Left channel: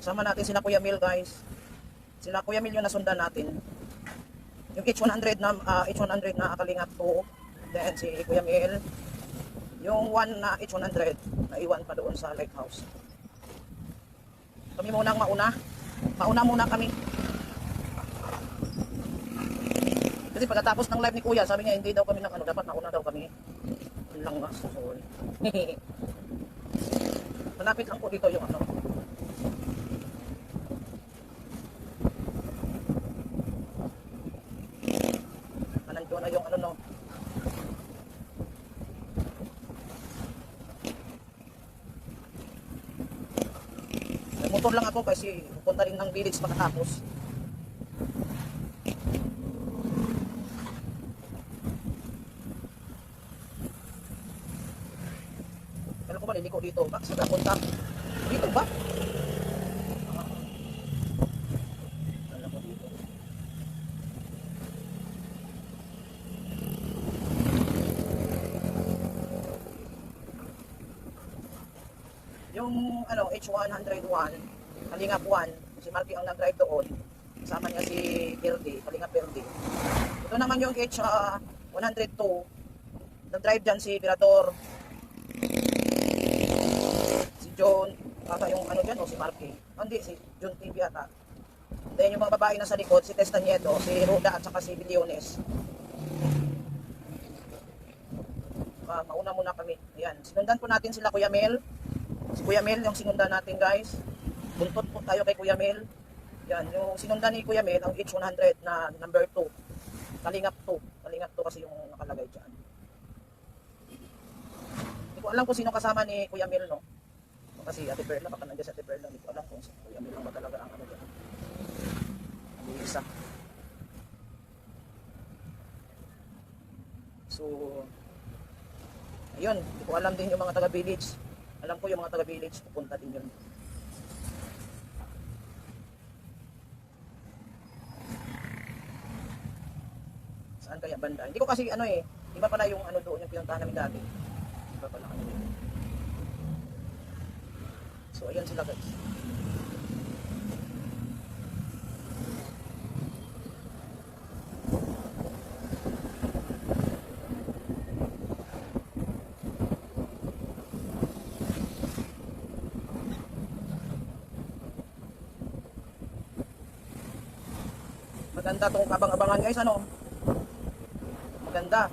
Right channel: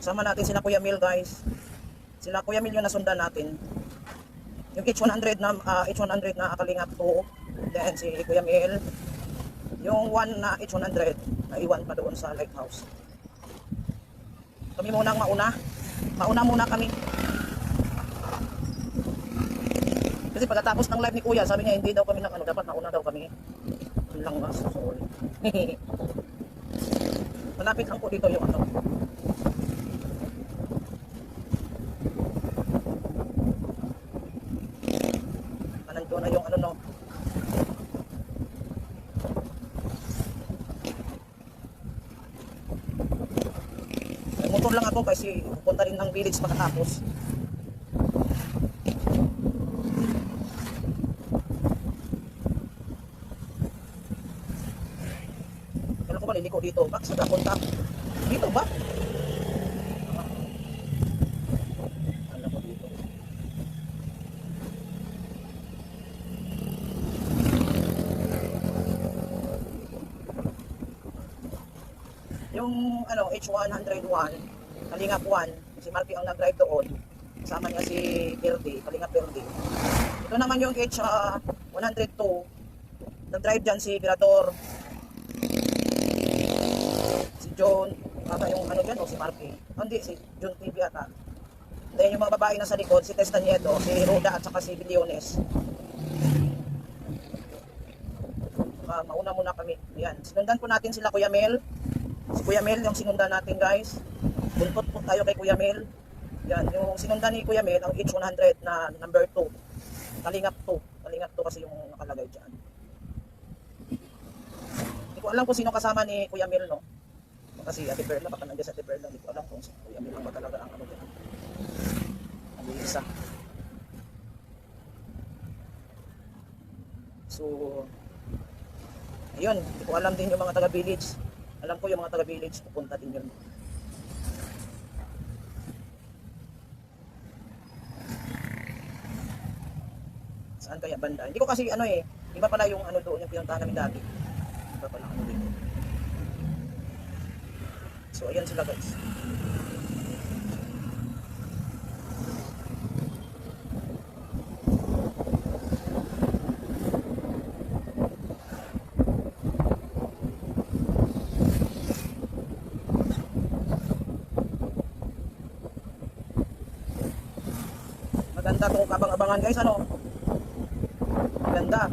Kasama natin sila Kuya Mil, guys. Sila Kuya Mil yung nasundan natin. Yung H100 na Kalingap 2. Then si Kuya Mil. Yung 1 na H100 na iwan pa doon sa lighthouse. Kami munang mauna. Mauna muna kami. Kasi pagkatapos ng live ni Kuya, sabi niya hindi daw kami ng ano, dapat nauna daw kami. Lang nga, sorry. Malapit lang po dito yung ano. Nandito na yung ano no. Motor lang ako kasi pupunta rin ng village pagkatapos. Kala ko ba liliko dito? Bak, saan punta? Dito ba? Kala ko dito. Yung ano, H101, Kalingap 1, si Marky ang nag-drive doon. Kasama niya si Perdi, Kalingap Perdi. Ito naman yung H102, nag-drive dyan si Pirador, si John, ata yung ano dyan, o si Marky. Hindi, si John TV ata. Then yung mga babae na sa likod, si Testa Nieto, si Roda at saka si Biliones. Mauna muna kami. Ayan, sinundan po natin sila Kuya Mel. Si Kuya Mel yung sinundan natin, guys. Buntot po tayo kay Kuya Mel. Yan, yung sinundan ni Kuya Mel ang H100 na number 2. Kalingap 2. Kalingap 2 kasi yung nakalagay dyan. Hindi ko alam kung sino kasama ni Kuya Mel, no? Kasi Ate Perla, baka nandiyan sa Ate Perla. Hindi ko alam kung si Kuya Mel lang ba talaga ang ano dyan. Ang isa. So, ayun, hindi ko alam din yung mga taga-village. Alam ko yung mga taga-village, pupunta din yun. Saan kaya banda? Hindi ko kasi ano eh, iba pala yung ano doon, yung pinuntahan namin dati. Iba pala ano dito. So, ayan sila guys. Maganda itong kabang-abangan guys, ano? Maganda.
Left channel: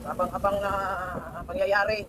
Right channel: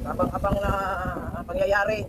Kabang-abang na pangyayari.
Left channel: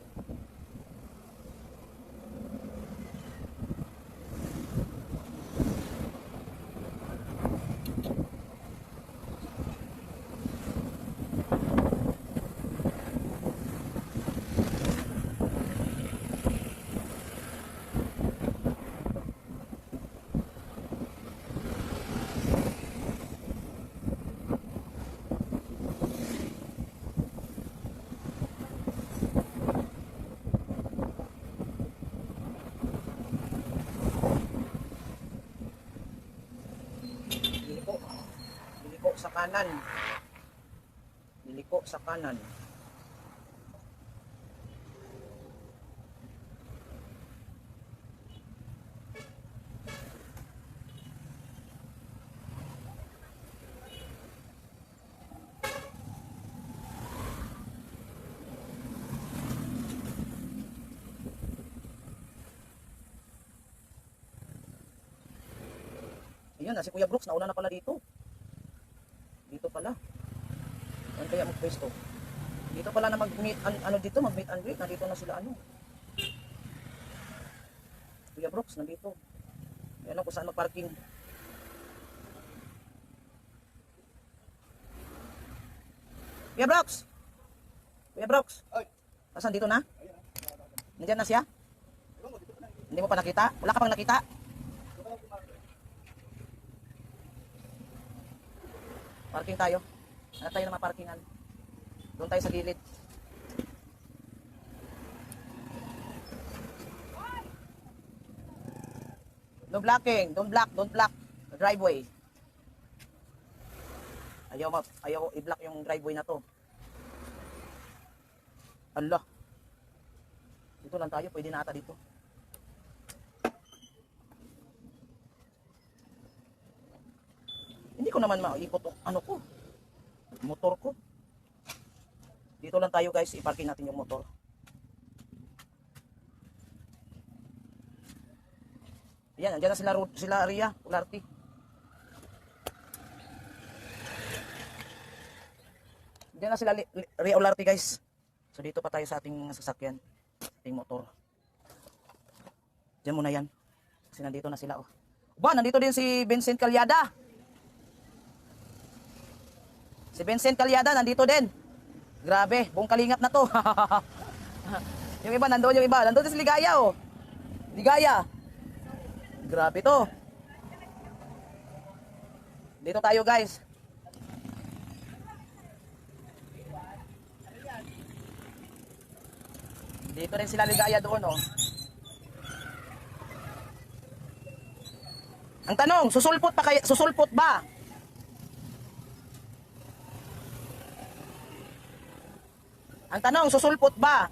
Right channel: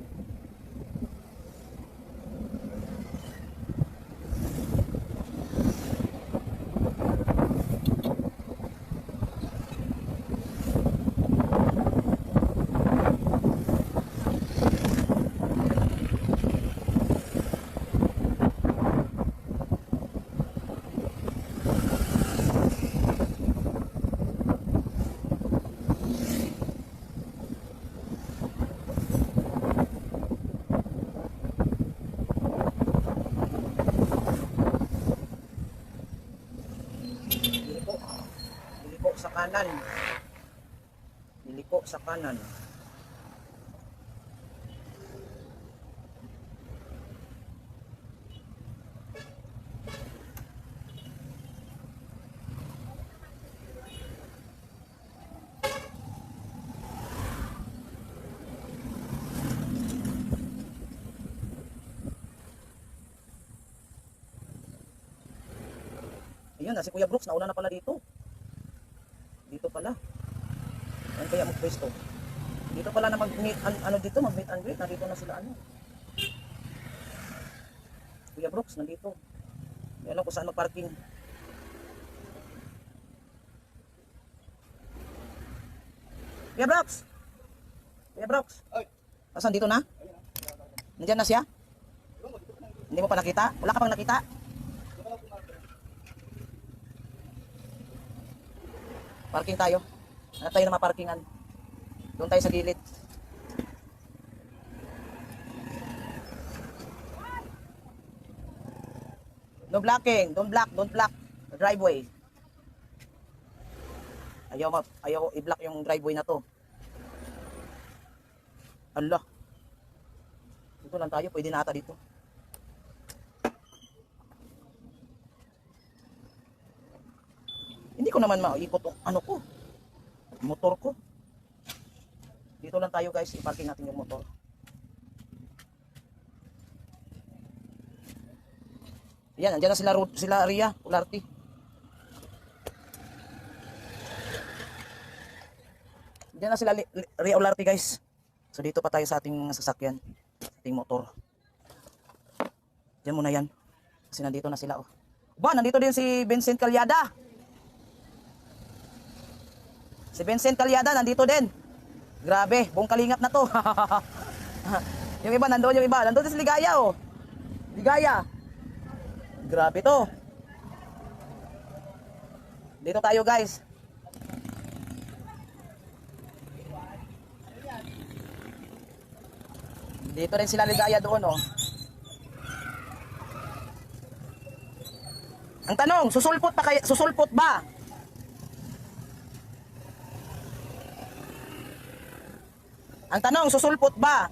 Liliko sa kanan. Liliko sa kanan. Ayan na si Kuya Brooks, nauna na pala dito. Dito pala. Saan kaya magpwesto? Dito pala na mag-meet, ano dito, mag-meet and greet. Nandito na sila, ano. Kuya Brooks, nandito. Ayan kung saan mag-parking. Kuya Brooks! Kuya Brooks! Asan dito na? Nandiyan na siya? Hindi mo pa nakita? Wala ka pang nakita? Parking tayo. Hanap tayo ng maparkingan. Doon tayo sa gilid. No blocking. Don't block the driveway. Ayaw i-block yung driveway na to. Allah. Dito lang tayo, pwede na ata dito. Hindi ko naman maikot ano ko, motor ko. Dito lang tayo guys, iparking natin yung motor. Yan, andyan na sila Ria, Ularti. Andyan na sila Ria Ularti guys. So dito pa tayo sa ating sasakyan, ating motor. Diyan muna yan. Kasi nandito na sila oh. Ba, nandito din si Vincent Calyada. Si Vincent Calyada nandito din. Grabe, buong kalingap na to. Yung iba nandoon, yung iba. Nandoon din si Ligaya oh. Ligaya. Grabe to. Dito tayo guys. Dito rin sila Ligaya doon oh. Ang tanong, susulpot ba? Ang tanong, susulpot ba?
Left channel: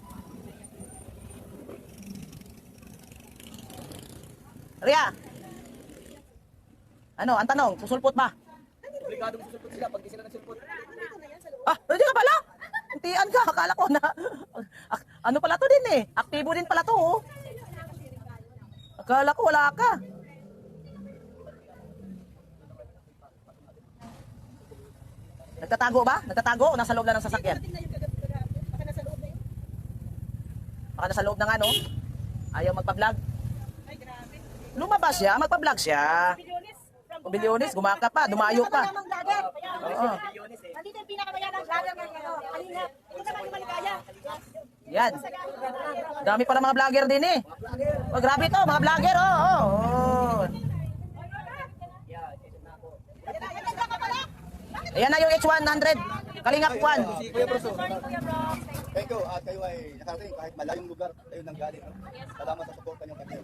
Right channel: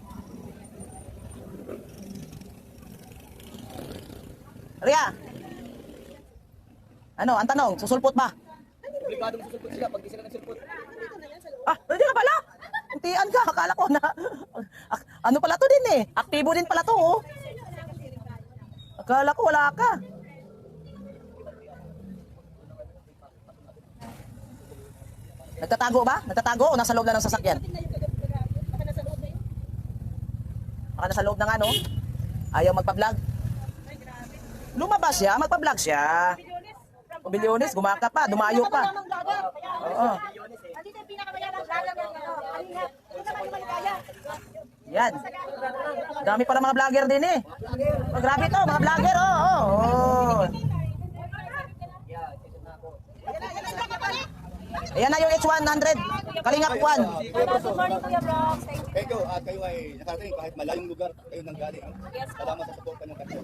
Ria. Ano, ang tanong, susulpot ba? Obligado mo susulpot sila pag di sila nagsulpot. Ah, pwede ka pala. Untian ka, akala ko na. Ano pala to din eh. Aktibo din pala to oh. Akala ko wala ka. Nagtatago ba? Nagtatago o nasa loob lang ng sasakyan? Baka nasa loob ng ano? Ayaw magpa-vlog? Lumabas siya, magpa-vlog siya. O Bilyones, gumaka pa, dumayo pa. Oo. Yan. Dami pala mga vlogger din eh. Oh, grabe to, mga vlogger. Oh. Ayan na yung H100. Kalingap 1. Kayo ay nakarating kahit malayong lugar kayo nang galing. Salamat sa suporta niyo kasi.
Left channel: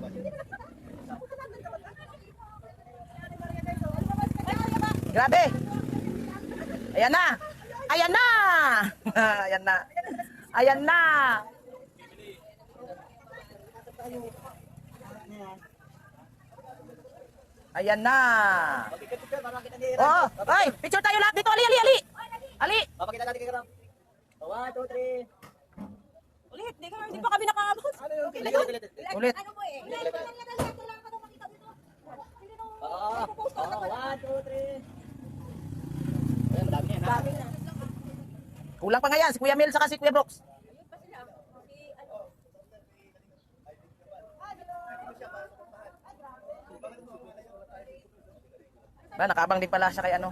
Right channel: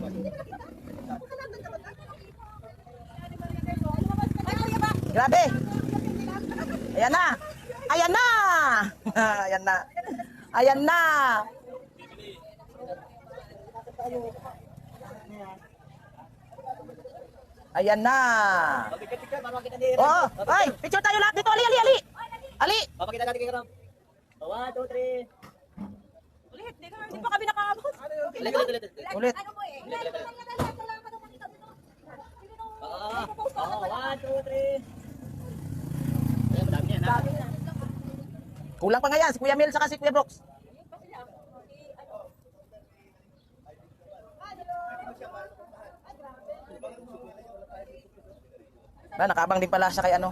Grabe. Ayan na. Ayan na. Ayan na. Ayan na. Ayan na. Oh, ay, picture tayo lahat dito. Ali, ali, ali. Ali. Papakita natin kay Ram. 1, 2, 3. Ulit, di pa kami nakakabot. Ulit. Oo, 1, 2, 3. Ay, madami yan ha. Kulang pa nga yan, si Kuya Mel saka si Kuya Brooks. Ba, nakabang din pala siya kay ano.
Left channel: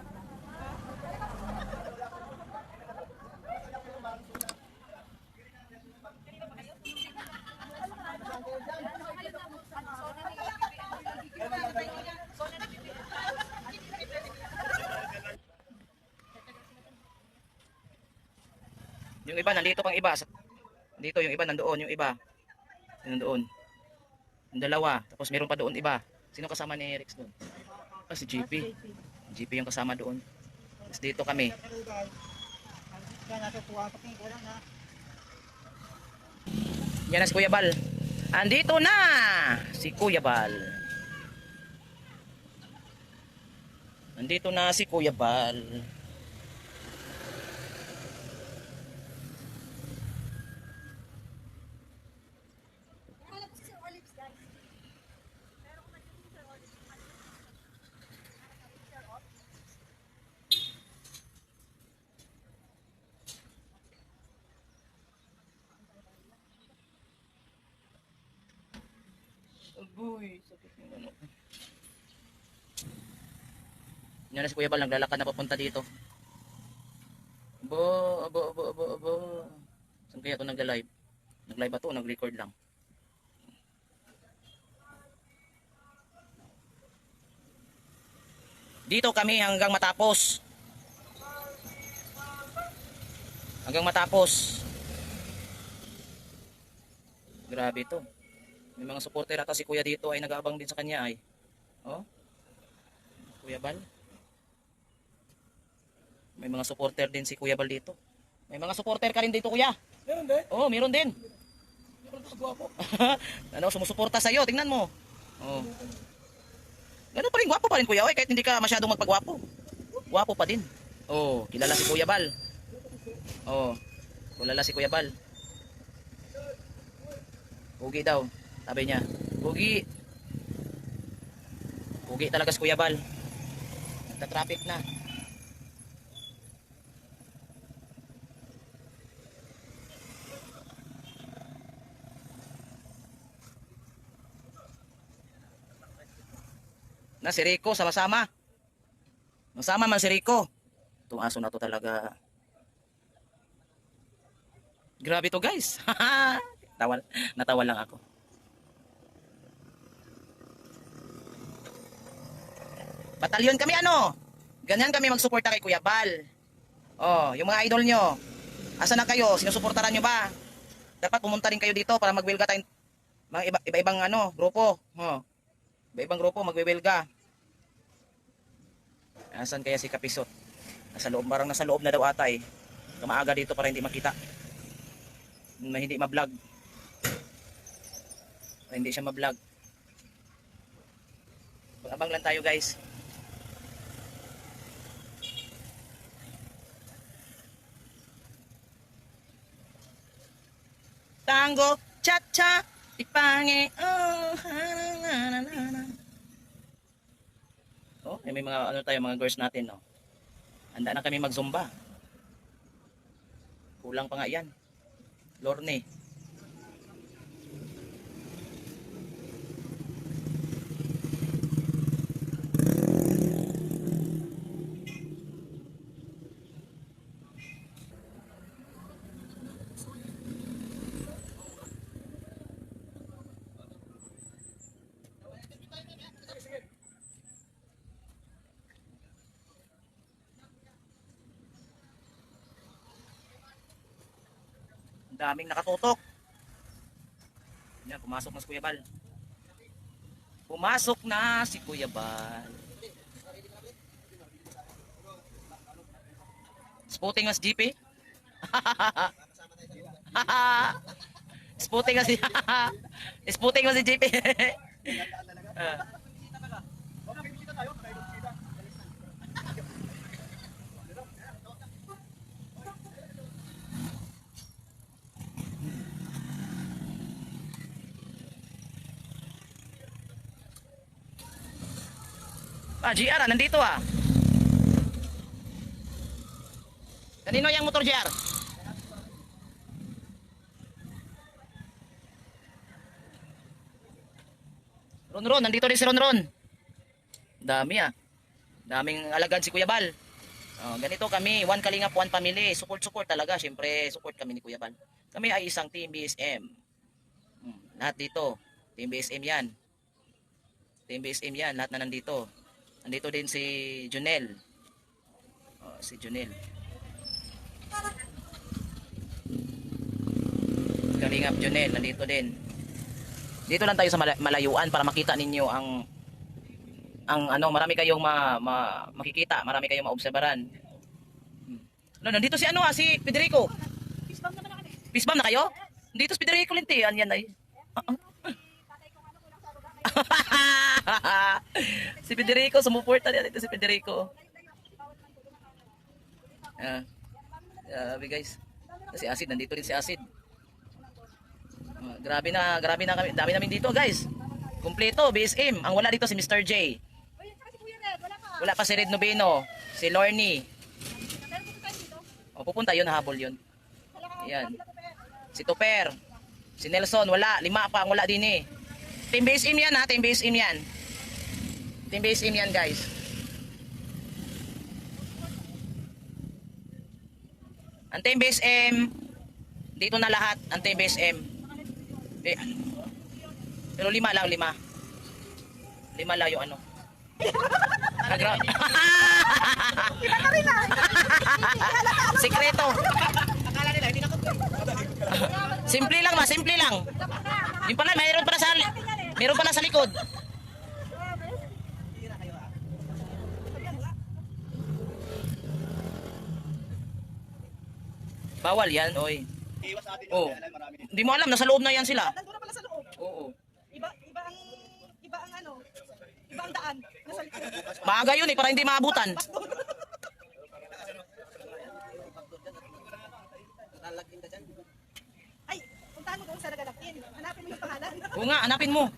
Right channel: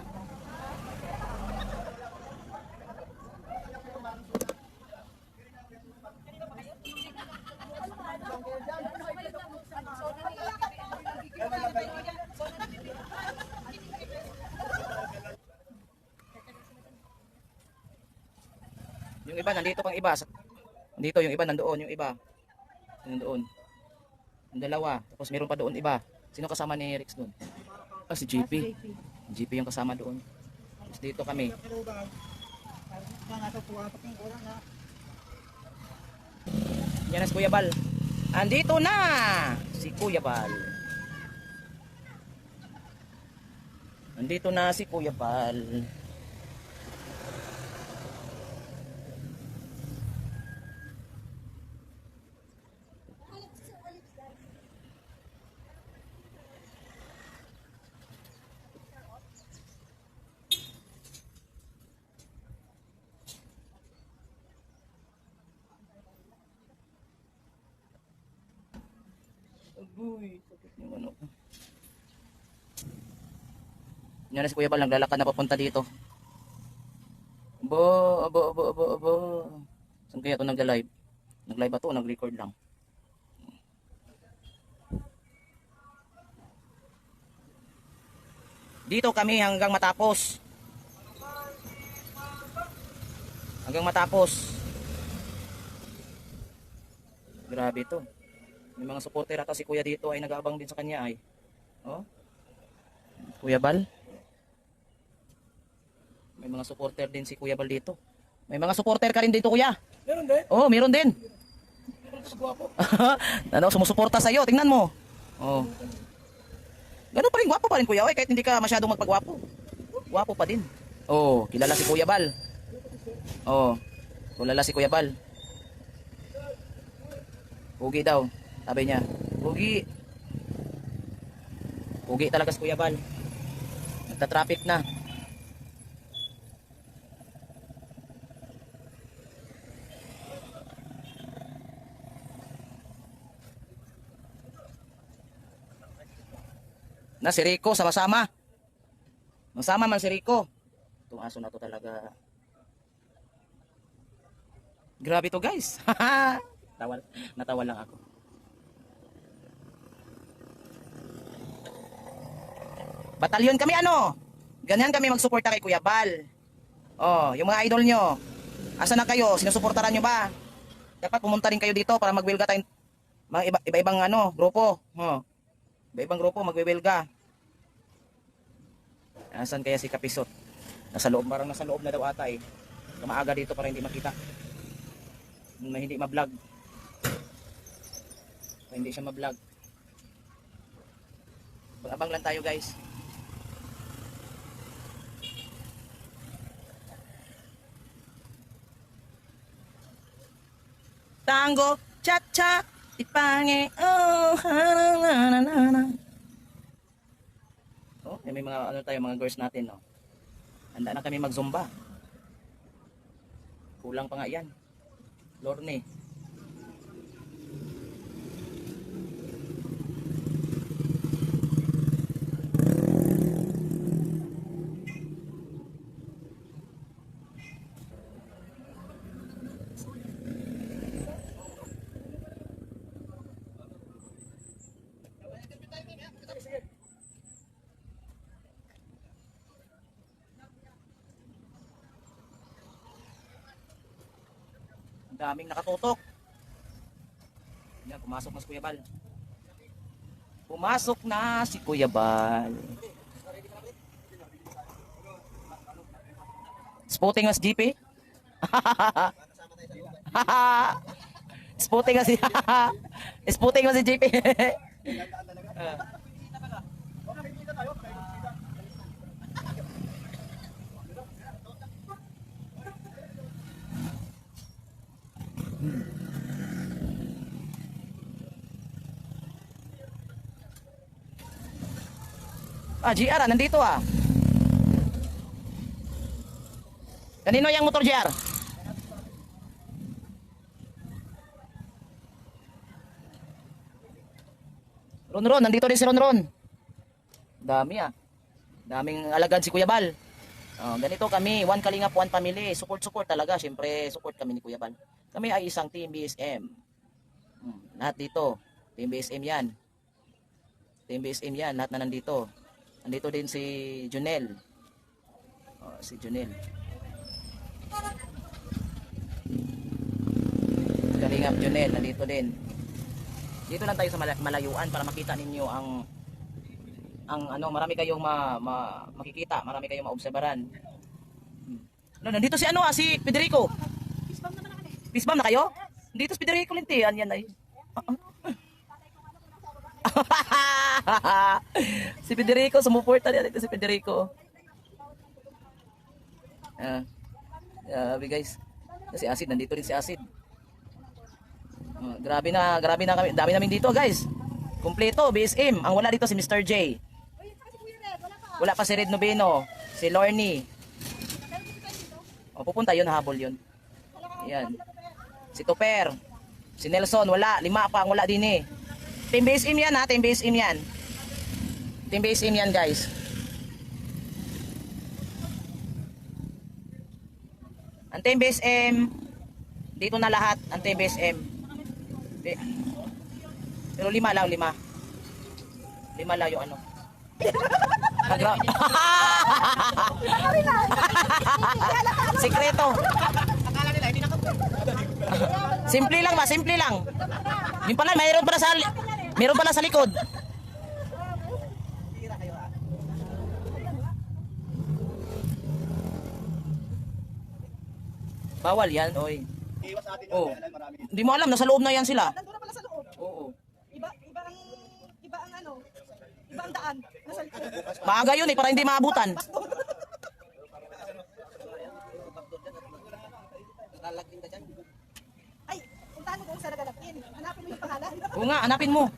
Yung iba nandito pang iba. Dito yung iba nandoon, yung iba. Nandoon. Yung dalawa, tapos meron pa doon iba. Sino kasama ni Rex doon? Ah, si GP. GP yung kasama doon. Tapos dito kami. Yan na si Kuya Bal. Andito na si Kuya Bal. Andito na si Kuya Bal. Agoy, sakit yung ano. Yan na si Kuya Bal, naglalakad na papunta dito. Aba. Saan kaya ito nagla-live? Nag-live ba ito? Nag-record lang. Dito kami hanggang matapos. Hanggang matapos. Grabe ito. May mga supporter ata si Kuya dito ay nag-aabang din sa kanya ay. Oh. Kuya Bal. May mga supporter din si Kuya Bal dito. May mga supporter ka rin dito, Kuya. Meron din. Oh, meron din. Ano, sumusuporta sa'yo. Tingnan mo. Oh. Ganun pa rin, gwapo pa rin Kuya Oy, kahit hindi ka masyadong magpagwapo. Gwapo pa din. Oh, kilala si Kuya Bal. Oh, kilala si Kuya Bal. Pugi daw, sabi niya. Pugi. Pugi talaga si Kuya Bal. Nagta-traffic na. Na si Rico, sama-sama. Masama man si Rico. Itong aso na to talaga. Grabe to guys. Natawa lang ako. Batalyon kami ano? Ganyan kami magsuporta kay Kuya Bal. Oh, yung mga idol nyo. Asa na kayo? Sinusuportaran nyo ba? Dapat pumunta rin kayo dito para mag-welga tayong mga iba-ibang ano, grupo. Oh. Iba-ibang grupo magwe-welga. Asan kaya si Kapisot? Nasa loob, parang nasa loob na daw ata eh. Kamaaga dito para hindi makita. Hindi ma-vlog. Para hindi siya ma-vlog. Pag-abang lang tayo guys. Tango, cha-cha, ipange, oh, ha-na-na-na-na. Oh, may mga ano tayo, mga girls natin, no. Handa na kami mag-zumba. Kulang pa nga 'yan. Lorne. Daming nakatutok. Yan, pumasok na si Kuya Bal. Pumasok na si Kuya Bal. Spooting na si GP. Spooting na si Spooting na si GP. GR nandito ah. Kanino yung motor GR? Ron, nandito rin si Ron. Dami ah. Daming alagad si Kuya Bal. Ganito kami, one kalingap, one family. Support talaga. Siyempre, support kami ni Kuya Bal. Kami ay isang team BSM. Lahat dito. Team BSM yan. Team BSM yan. Lahat na nandito. Nandito din si Junel. Si Junel. Kalingap Junel, nandito din. Dito lang tayo sa malayuan para makita ninyo ang ano, marami kayong makikita, marami kayong maobserbaran. Nandito si ano si Federico. Pisbam na kayo? Dito si Federico Lintian yan ay. Si Federico, sumuporta niya dito si Federico. Guys. Si Acid, nandito rin si Acid. Grabe na kami. Dami namin dito, guys. Kumpleto, BSM. Ang wala dito si Mr. J. Wala pa si Red Noveno, si Lorne. Pupunta yun, habol yun. Yan. Si Tupper. Si Nelson, wala. 5 pa ang wala din eh. Team BSM yan ha, Team BSM yan. Team BSM yan guys. Ang Team BSM, dito na lahat, ang Team BSM. Pero 5 lang, 5. 5 lang yung ano. Sikreto. Akala nila, hindi nakapag. Simple lang ba, simple lang. Yung pala, mayroon pala sa likod. Bawal yan, oy. Iwas sa atin. Oh. Kaya lang marami. Hindi mo alam, nasa loob na yan sila. Nandun na pala sa loob. Oo. Iba ang ano, iba ang daan. Nasa likod. Maaga yun para hindi maabutan. Ay, puntahan mo kung saan nagalagin. Hanapin mo yung pangalan. Oo nga, hanapin mo.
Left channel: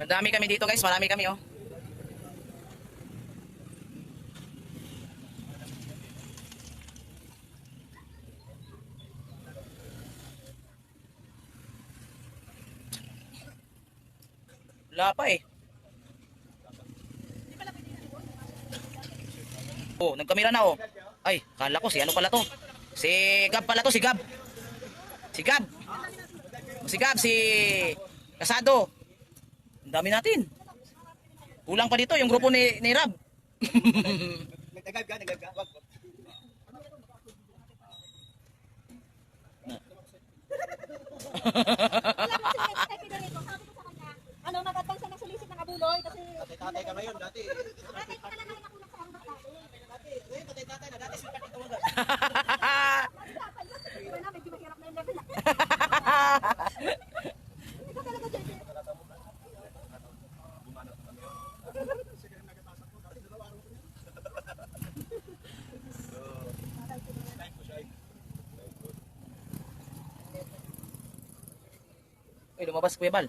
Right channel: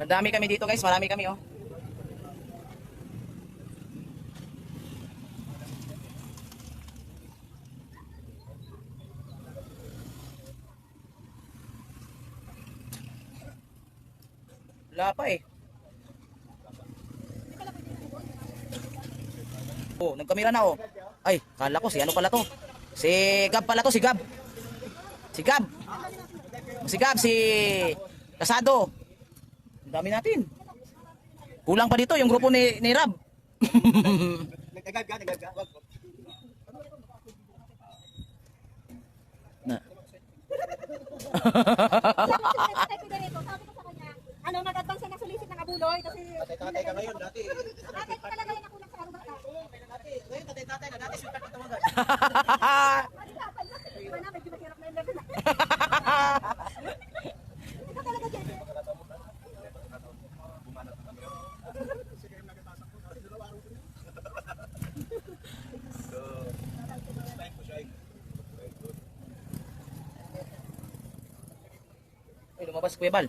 Madami kami dito guys, marami kami oh. Wala pa eh. Oh, nagkamera na oh. Ay, kala ko si ano pala to. Si Gab pala to, si Gab. Si Gab. Si Gab, si Kasado. Ang dami natin. Kulang pa dito yung grupo ni Rab. Nagagab ka, nagagab. Sabi ko sa kanya, ano, nag-advance na ng solicit ng abuloy kasi... Tatay ka ngayon, dati. Ate, talaga yung nakulang sa karunong natin. Ngayon, tatay ka, dati sikat ito mga. Iba na, medyo mahirap na yung level. Ito talaga, Jesse. Ay, lumabas Kuya Bal.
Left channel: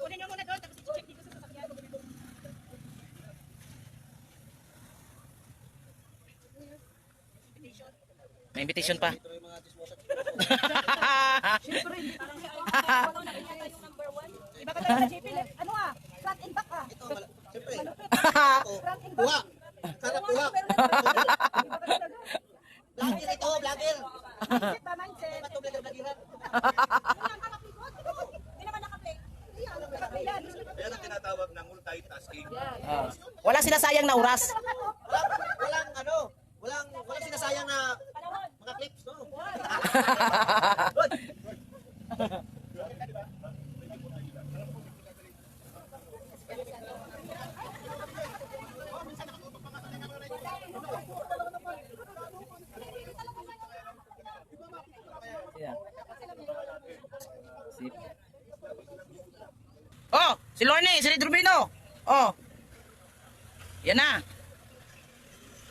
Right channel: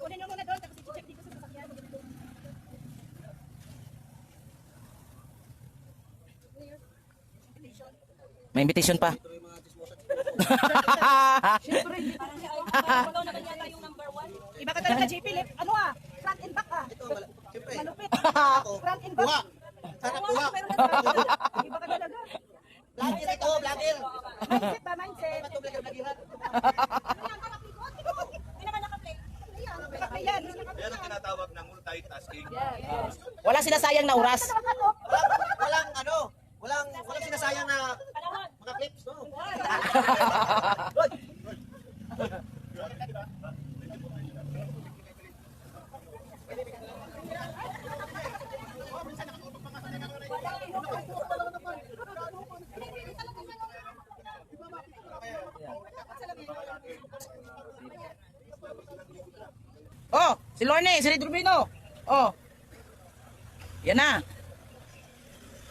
Kunin nyo muna doon, tapos i-check dito sa sasakyan. May invitation pa. Iba ka talaga, JP. Ano ah? Front and back ah. Siyempre. Malupit. Ako. Front and Kuha. back. Sana kuha. Iba ka talaga. Vlogger ito, vlogger. Mindset ba, mindset? Ito, vlogger. Ano yan, nakapikot? Ito. Ano naman nakaplay? Ayan, ayan. Yan ang tinatawag na multitasking. Wala sinasayang na oras. Walang sinasayang na mga clips, no? Oh, si Lorne, si Red Rubino. Oh. Yan na.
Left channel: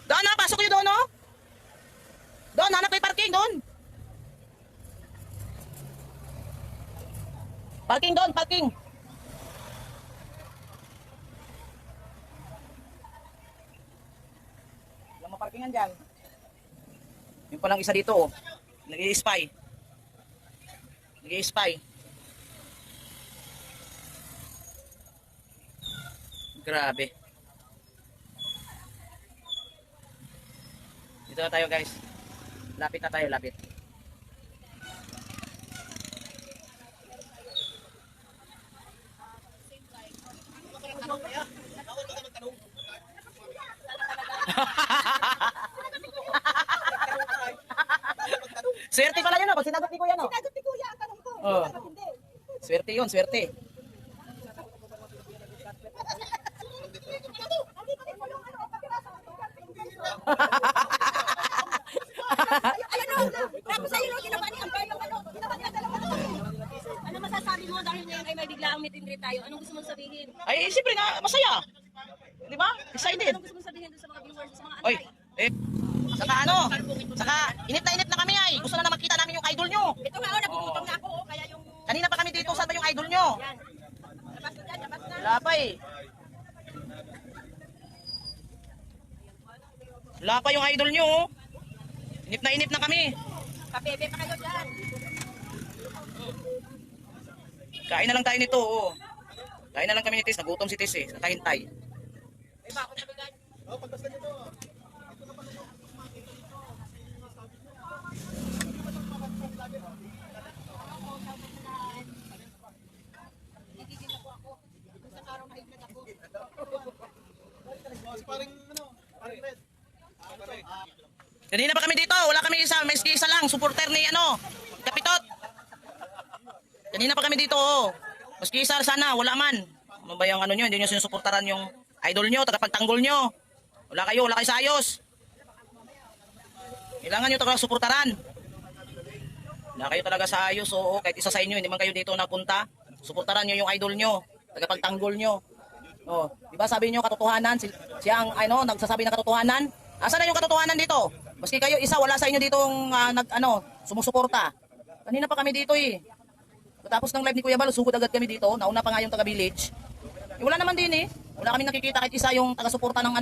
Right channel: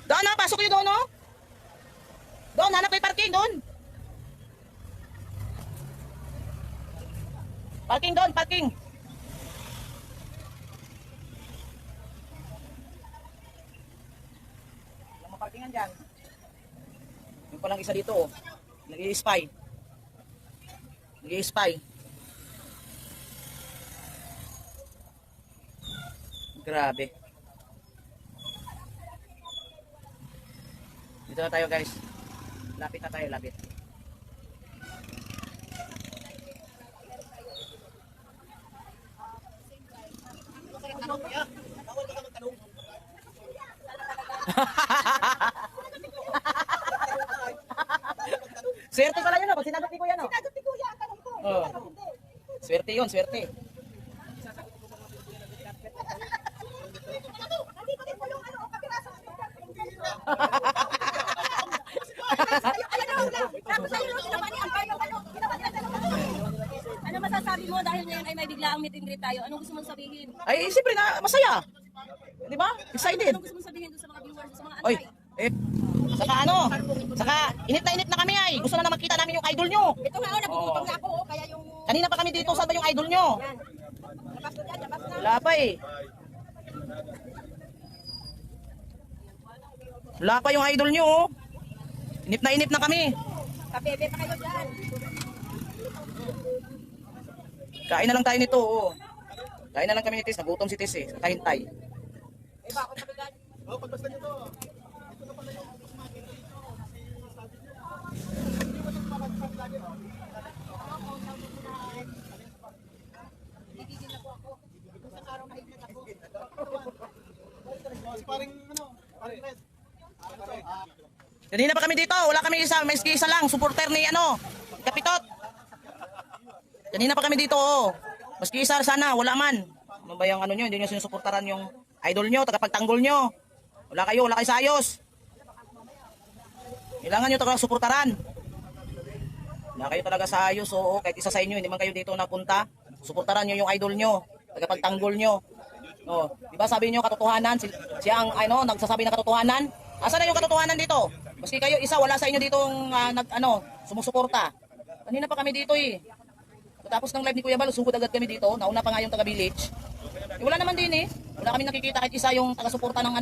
Doon na, pasok kayo doon, no? Doon, hanap kayo parking, doon. Parking doon, parking. Walang maparkingan dyan. Yung palang isa dito, oh. Nag-i-spy. Nag-i-spy. Grabe. Dito na tayo guys. Lapit na tayo, lapit. Swerte pala yun, oh. Pag sinagot ni Kuya, no? Sinagot ni Kuya ang tanong ko. Oo. Hindi. Swerte yun, swerte. Nandito din po yung ano, kapiraso ng Ayan o, tapos ayun yung ginawa ni Ampar yung ano, ginawa niya dalawa. Ano masasabi mo dahil ngayon ay may biglaang meet and greet tayo? Anong gusto mong sabihin? Ay, siyempre na, masaya. Di ba? Excited. Anong gusto mong sabihin doon sa mga viewers, sa mga Oy, antay? saka ano, saka init na kami ay. Gusto na makita namin yung idol nyo. Ito nga o, nagugutom na ako o, kaya yung... Kanina pa kami dito, saan ba yung idol nyo? Yan. Labas na, labas na. Wala pa eh. Wala pa yung idol nyo, oh. Inip na kami. Kabebe pa kayo dyan. Kain na lang tayo nito, oh. Kain na lang kami ni Tis. Nagutom si Tis eh. Kahintay. Kanina pa kami dito. Wala kami isa. May isa lang. Supporter ni Kapitot. Kanina pa kami dito. Oh. Maski isa sana. Wala man. Ano ba yung nyo? Hindi nyo sinusuportaran yung idol nyo. Tagapagtanggol nyo. Wala kayo sa ayos. Kailangan nyo talaga suportaran. Wala kayo talaga sa ayos. Oo, kahit isa sa inyo, hindi man kayo dito napunta. Suportaran nyo yung idol nyo. Tagapagtanggol nyo. Oh, di ba sabi nyo katotohanan? Siya ang nagsasabi ng katotohanan. Asan na yung katotohanan dito? Maski kayo isa, wala sa inyo ditong sumusuporta. Kanina pa kami dito eh. Tapos ng live ni Kuya Bal, sugod agad kami dito. Nauna pa nga yung taga-village. Eh, wala naman din eh. Wala kami nakikita kahit isa yung taga-suporta ng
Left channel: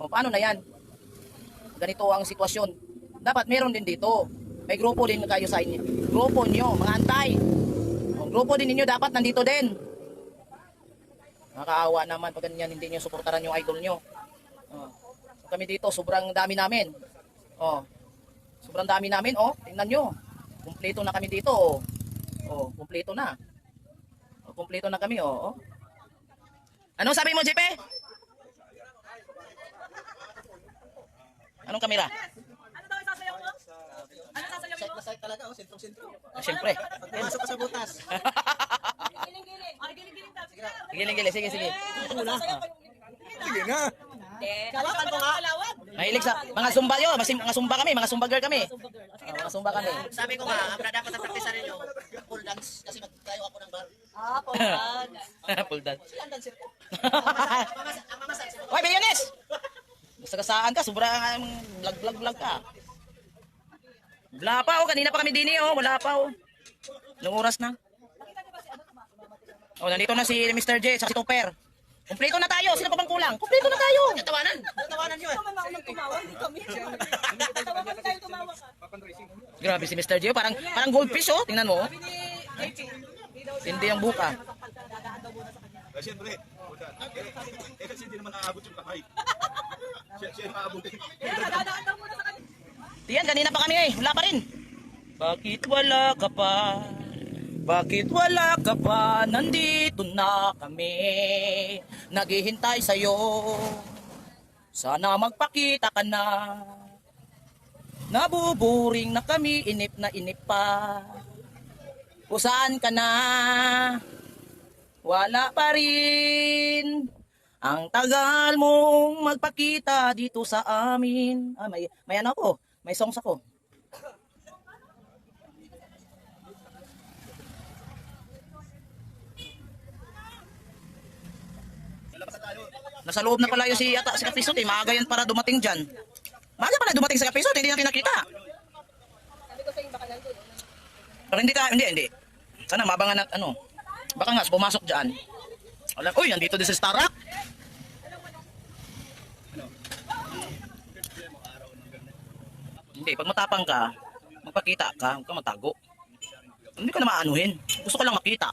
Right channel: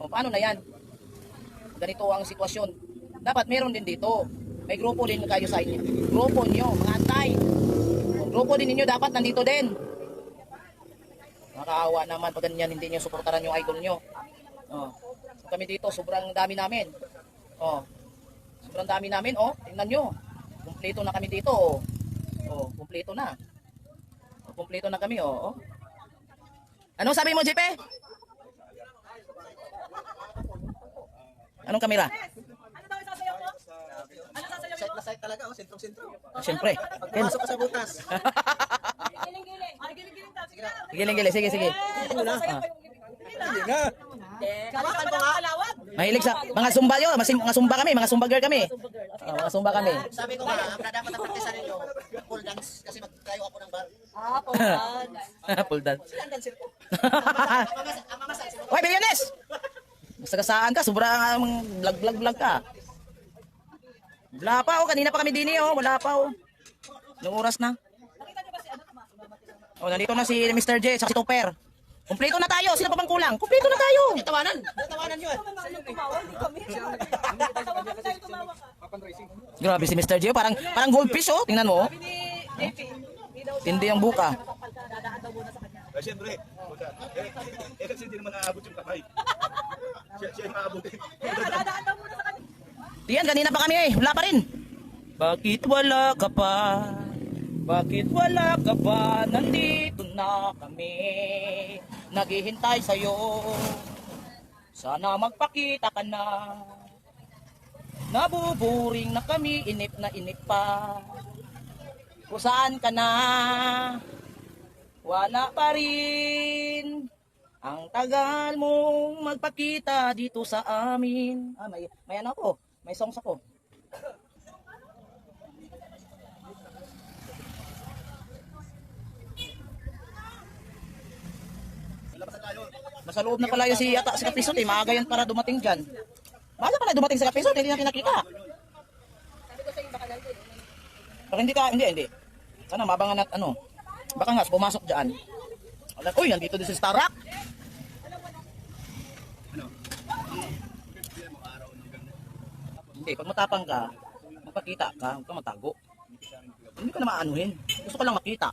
O, paano na yan? Ganito ang sitwasyon. Dapat meron din dito. May grupo din kayo sa inyo. Grupo nyo, mga antay. O, grupo din ninyo dapat nandito din. Nakakaawa naman pag ganyan hindi nyo suportaran yung idol nyo. O, so kami dito, sobrang dami namin. O, sobrang dami namin. O, tingnan nyo. Kumpleto na kami dito. O, kumpleto na. O, kumpleto na kami. O. Anong sabi mo, JP? Anong kamera? Ano daw isasayaw mo? Ano sasayaw mo? Site na site talaga, sentro-sentro. Siyempre. Pasok ka sa butas. Giling-giling. Ay, giling-giling daw. Sige na. Gili-gili, sige. Sasayaw ko yung giling. Kalakan pa nga. Kalawat. Mahilig sa mga zumba yun. Mga zumba kami, mga zumba girl kami. Mga zumba kami. Sabi ko nga, ang dapat ang practice ninyo, full dance, kasi magkayo ako ng bar. Pulan. Full dance. Ang dancer ko. Hoy, Billiones! Masagasaan ka, sobrang vlog ka. Wala pa kanina pa kami dini wala pa Anong oras na? Nandito na si Mr. J sa si Topper. Kumpleto na tayo, sino pa bang kulang? Kumpleto na tayo. Tawanan yun. Grabe si Mr. J, parang goldfish tingnan mo. Hindi ang buka. Siyempre. Kasi hindi naman naaabot yung kamay. Siya yung aabot. Diyan, kanina pa kami wala pa rin. Bakit wala ka pa? Bakit wala ka pa? Nandito na kami. Naghihintay sa'yo. Sana magpakita ka na. Nabuburing na kami, inip na inip pa. Kung saan ka na? Wala pa rin. Ang tagal mong magpakita dito sa amin. May ako. May songs ako. Nasa loob na pala yung si Kapisot eh. Maaga yan para dumating dyan. Maaga pala dumating sa Kapisot, hindi natin nakita. Sabi ko sa iyo, baka nandun. Pero hindi. Sana mabangan at baka nga pumasok dyan. Uy, nandito din si Starak. Hindi, pag matapang ka, magpakita ka, huwag ka matago. Hindi ka na maanuhin. Gusto ko lang makita.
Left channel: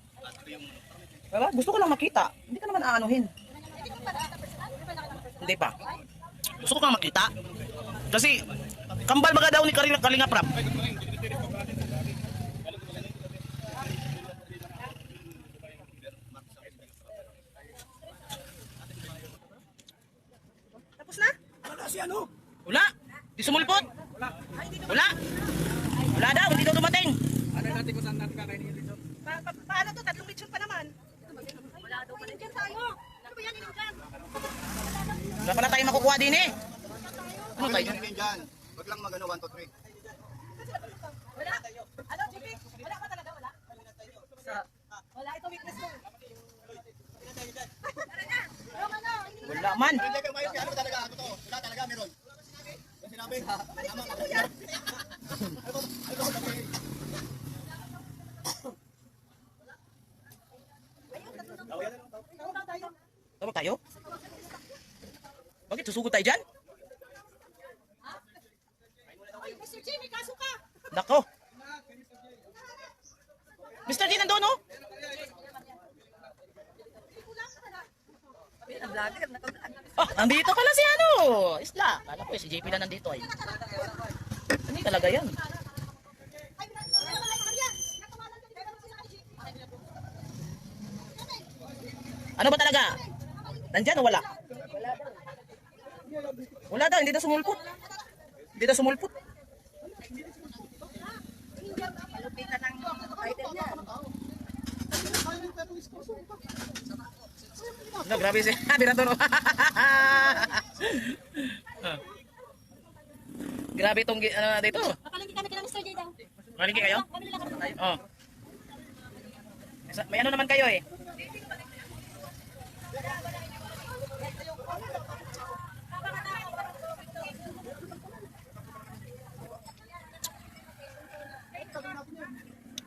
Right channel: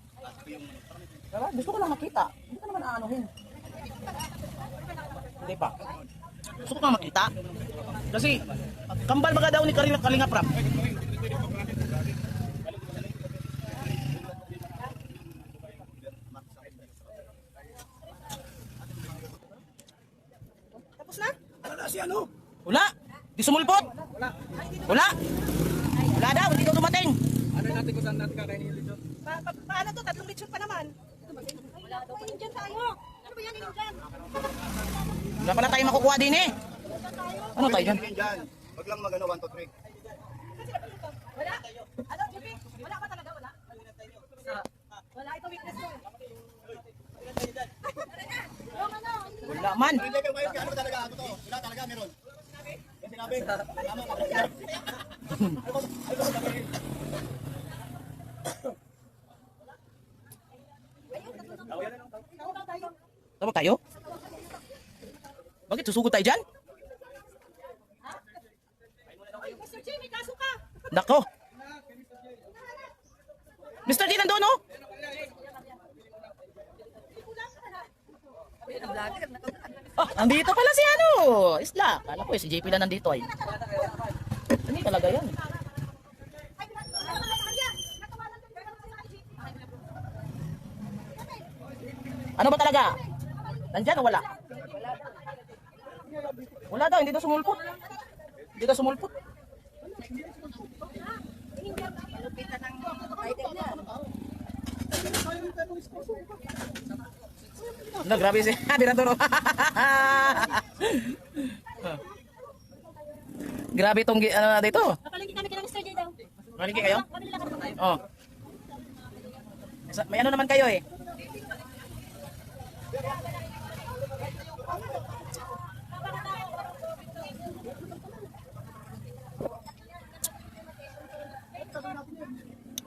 Diba? Gusto ko lang makita. Hindi ka naman aanuhin. Hindi pa. Gusto ko lang makita. Kasi, kambal baga daw ni Kalinga Prap. Tapos na? Wala si Wala. Di sumulpot. Wala. Wala daw, hindi daw dumating. Ano natin kung saan natin kakainin dito? Paano to? Tatlong lechon pa naman. Wala daw pa nandiyan tayo. Ano ba yan? Inundan? Wala pala tayo makukuha din eh. Ano tayo dyan? Dyan. Huwag lang mag 1, 2, 3. Wala. Ano, Jimmy? Wala pa talaga? Wala? Wala. Ito weakness ko. Wala man. Hindi kayo mayroon. Ano talaga? Wala talaga meron. Yung sinabi. Tama ka. Tawag tayo? Bakit susugod tayo dyan? Ay, Mr. Jimmy, kaso ka. Nako. Mr. G nandun Yan ang vlogger, naka-vlog. Ah, nandito pala si ano, Isla. Kala ko si JP na nandito ay. Hindi talaga yan. Ano ba talaga? Nandyan o wala? Wala daw, hindi daw sumulpot. Hindi daw sumulpot. Malupitan ng item niya. No, grabe siya. Birador. Grabe itong ano dito. Papalingki kami kila Mr. J daw. Malingki kayo? Kami nila kami. Oh. May ano naman kayo eh.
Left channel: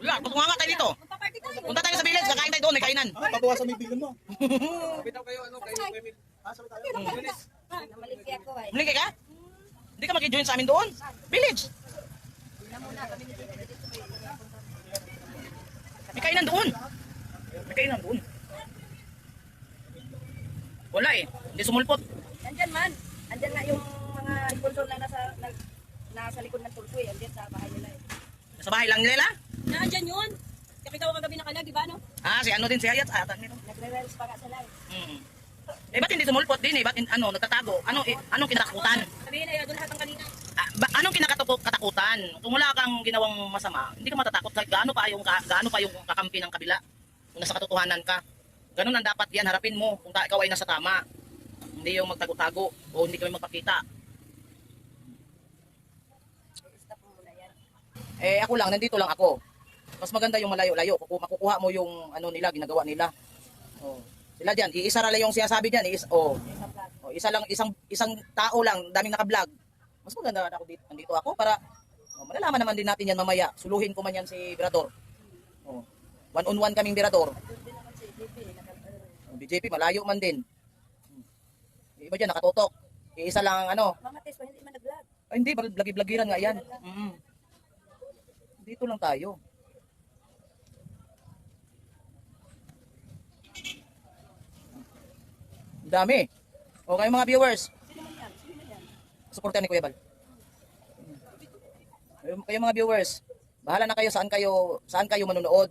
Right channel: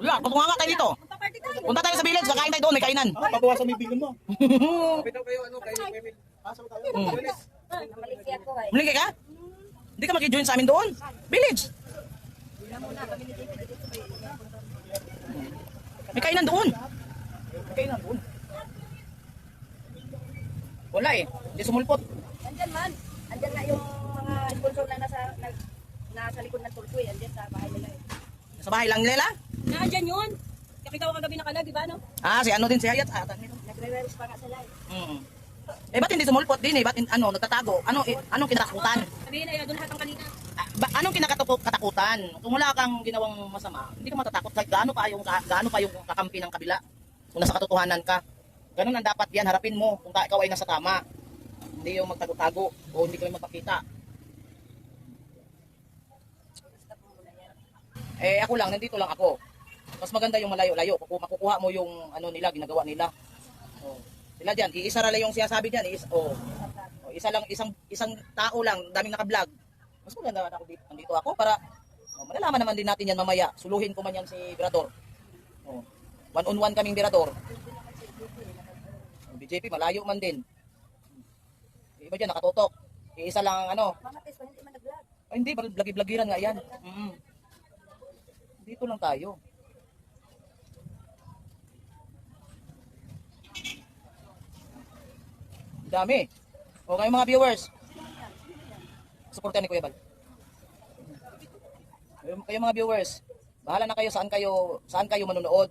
Wala, kutunga nga tayo dito. Paparty tayo. Punta tayo sa village, kakain tayo doon, may kainan. Pabawasan mo yung bilin mo. Malingki ako eh. Malingki ka? Hindi ka mag-join sa amin doon. Village. Tingnan muna, kami ni Tito dito may May kainan doon. May kainan doon. Wala eh. Hindi sumulpot. Andyan man. Andyan na yung mga sponsor na nasa likod ng Turkoy. Andyan sa bahay nila eh. Sa bahay lang nila? Nandyan yun. Nakita ko kagabi na kala, di ba no? Ah, si ano din si Hayat. Atan nito. Nagre-reels para sa live. Eh, ba't hindi sumulpot din eh? Ba't nagtatago? Anong kinatakutan? Sabihin na yun, doon lahat ng kanina. Anong kinakatakutan? Kung wala kang ginawang masama, hindi ka matatakot. Kahit gaano pa yung kakampi ng kabila. Kung nasa katotohanan ka. Ganun ang dapat yan. Harapin mo kung ikaw ay nasa tama. Hindi yung magtago-tago o hindi kami magpakita. Eh, ako lang. Nandito lang ako. Mas maganda yung malayo-layo. Makukuha mo yung ano nila, ginagawa nila. Oh. Sila dyan, iisa lang yung sinasabi dyan. Isa lang, isang tao lang, daming naka-vlog. Mas maganda na ako dito. Nandito ako para malalaman naman din natin yan mamaya. Suluhin ko man yan si Birador. One-on-one kaming Birador. BJP, malayo man din. Iba dyan, nakatutok. Iisa lang ano. Mga test ko, hindi man nag-vlog. Ay, hindi, blagi-blagiran nga yan. Dito lang tayo. Dami. O kayo mga viewers. Suportahan ni Kuya Bal. Kayo mga viewers, bahala na kayo saan kayo manonood.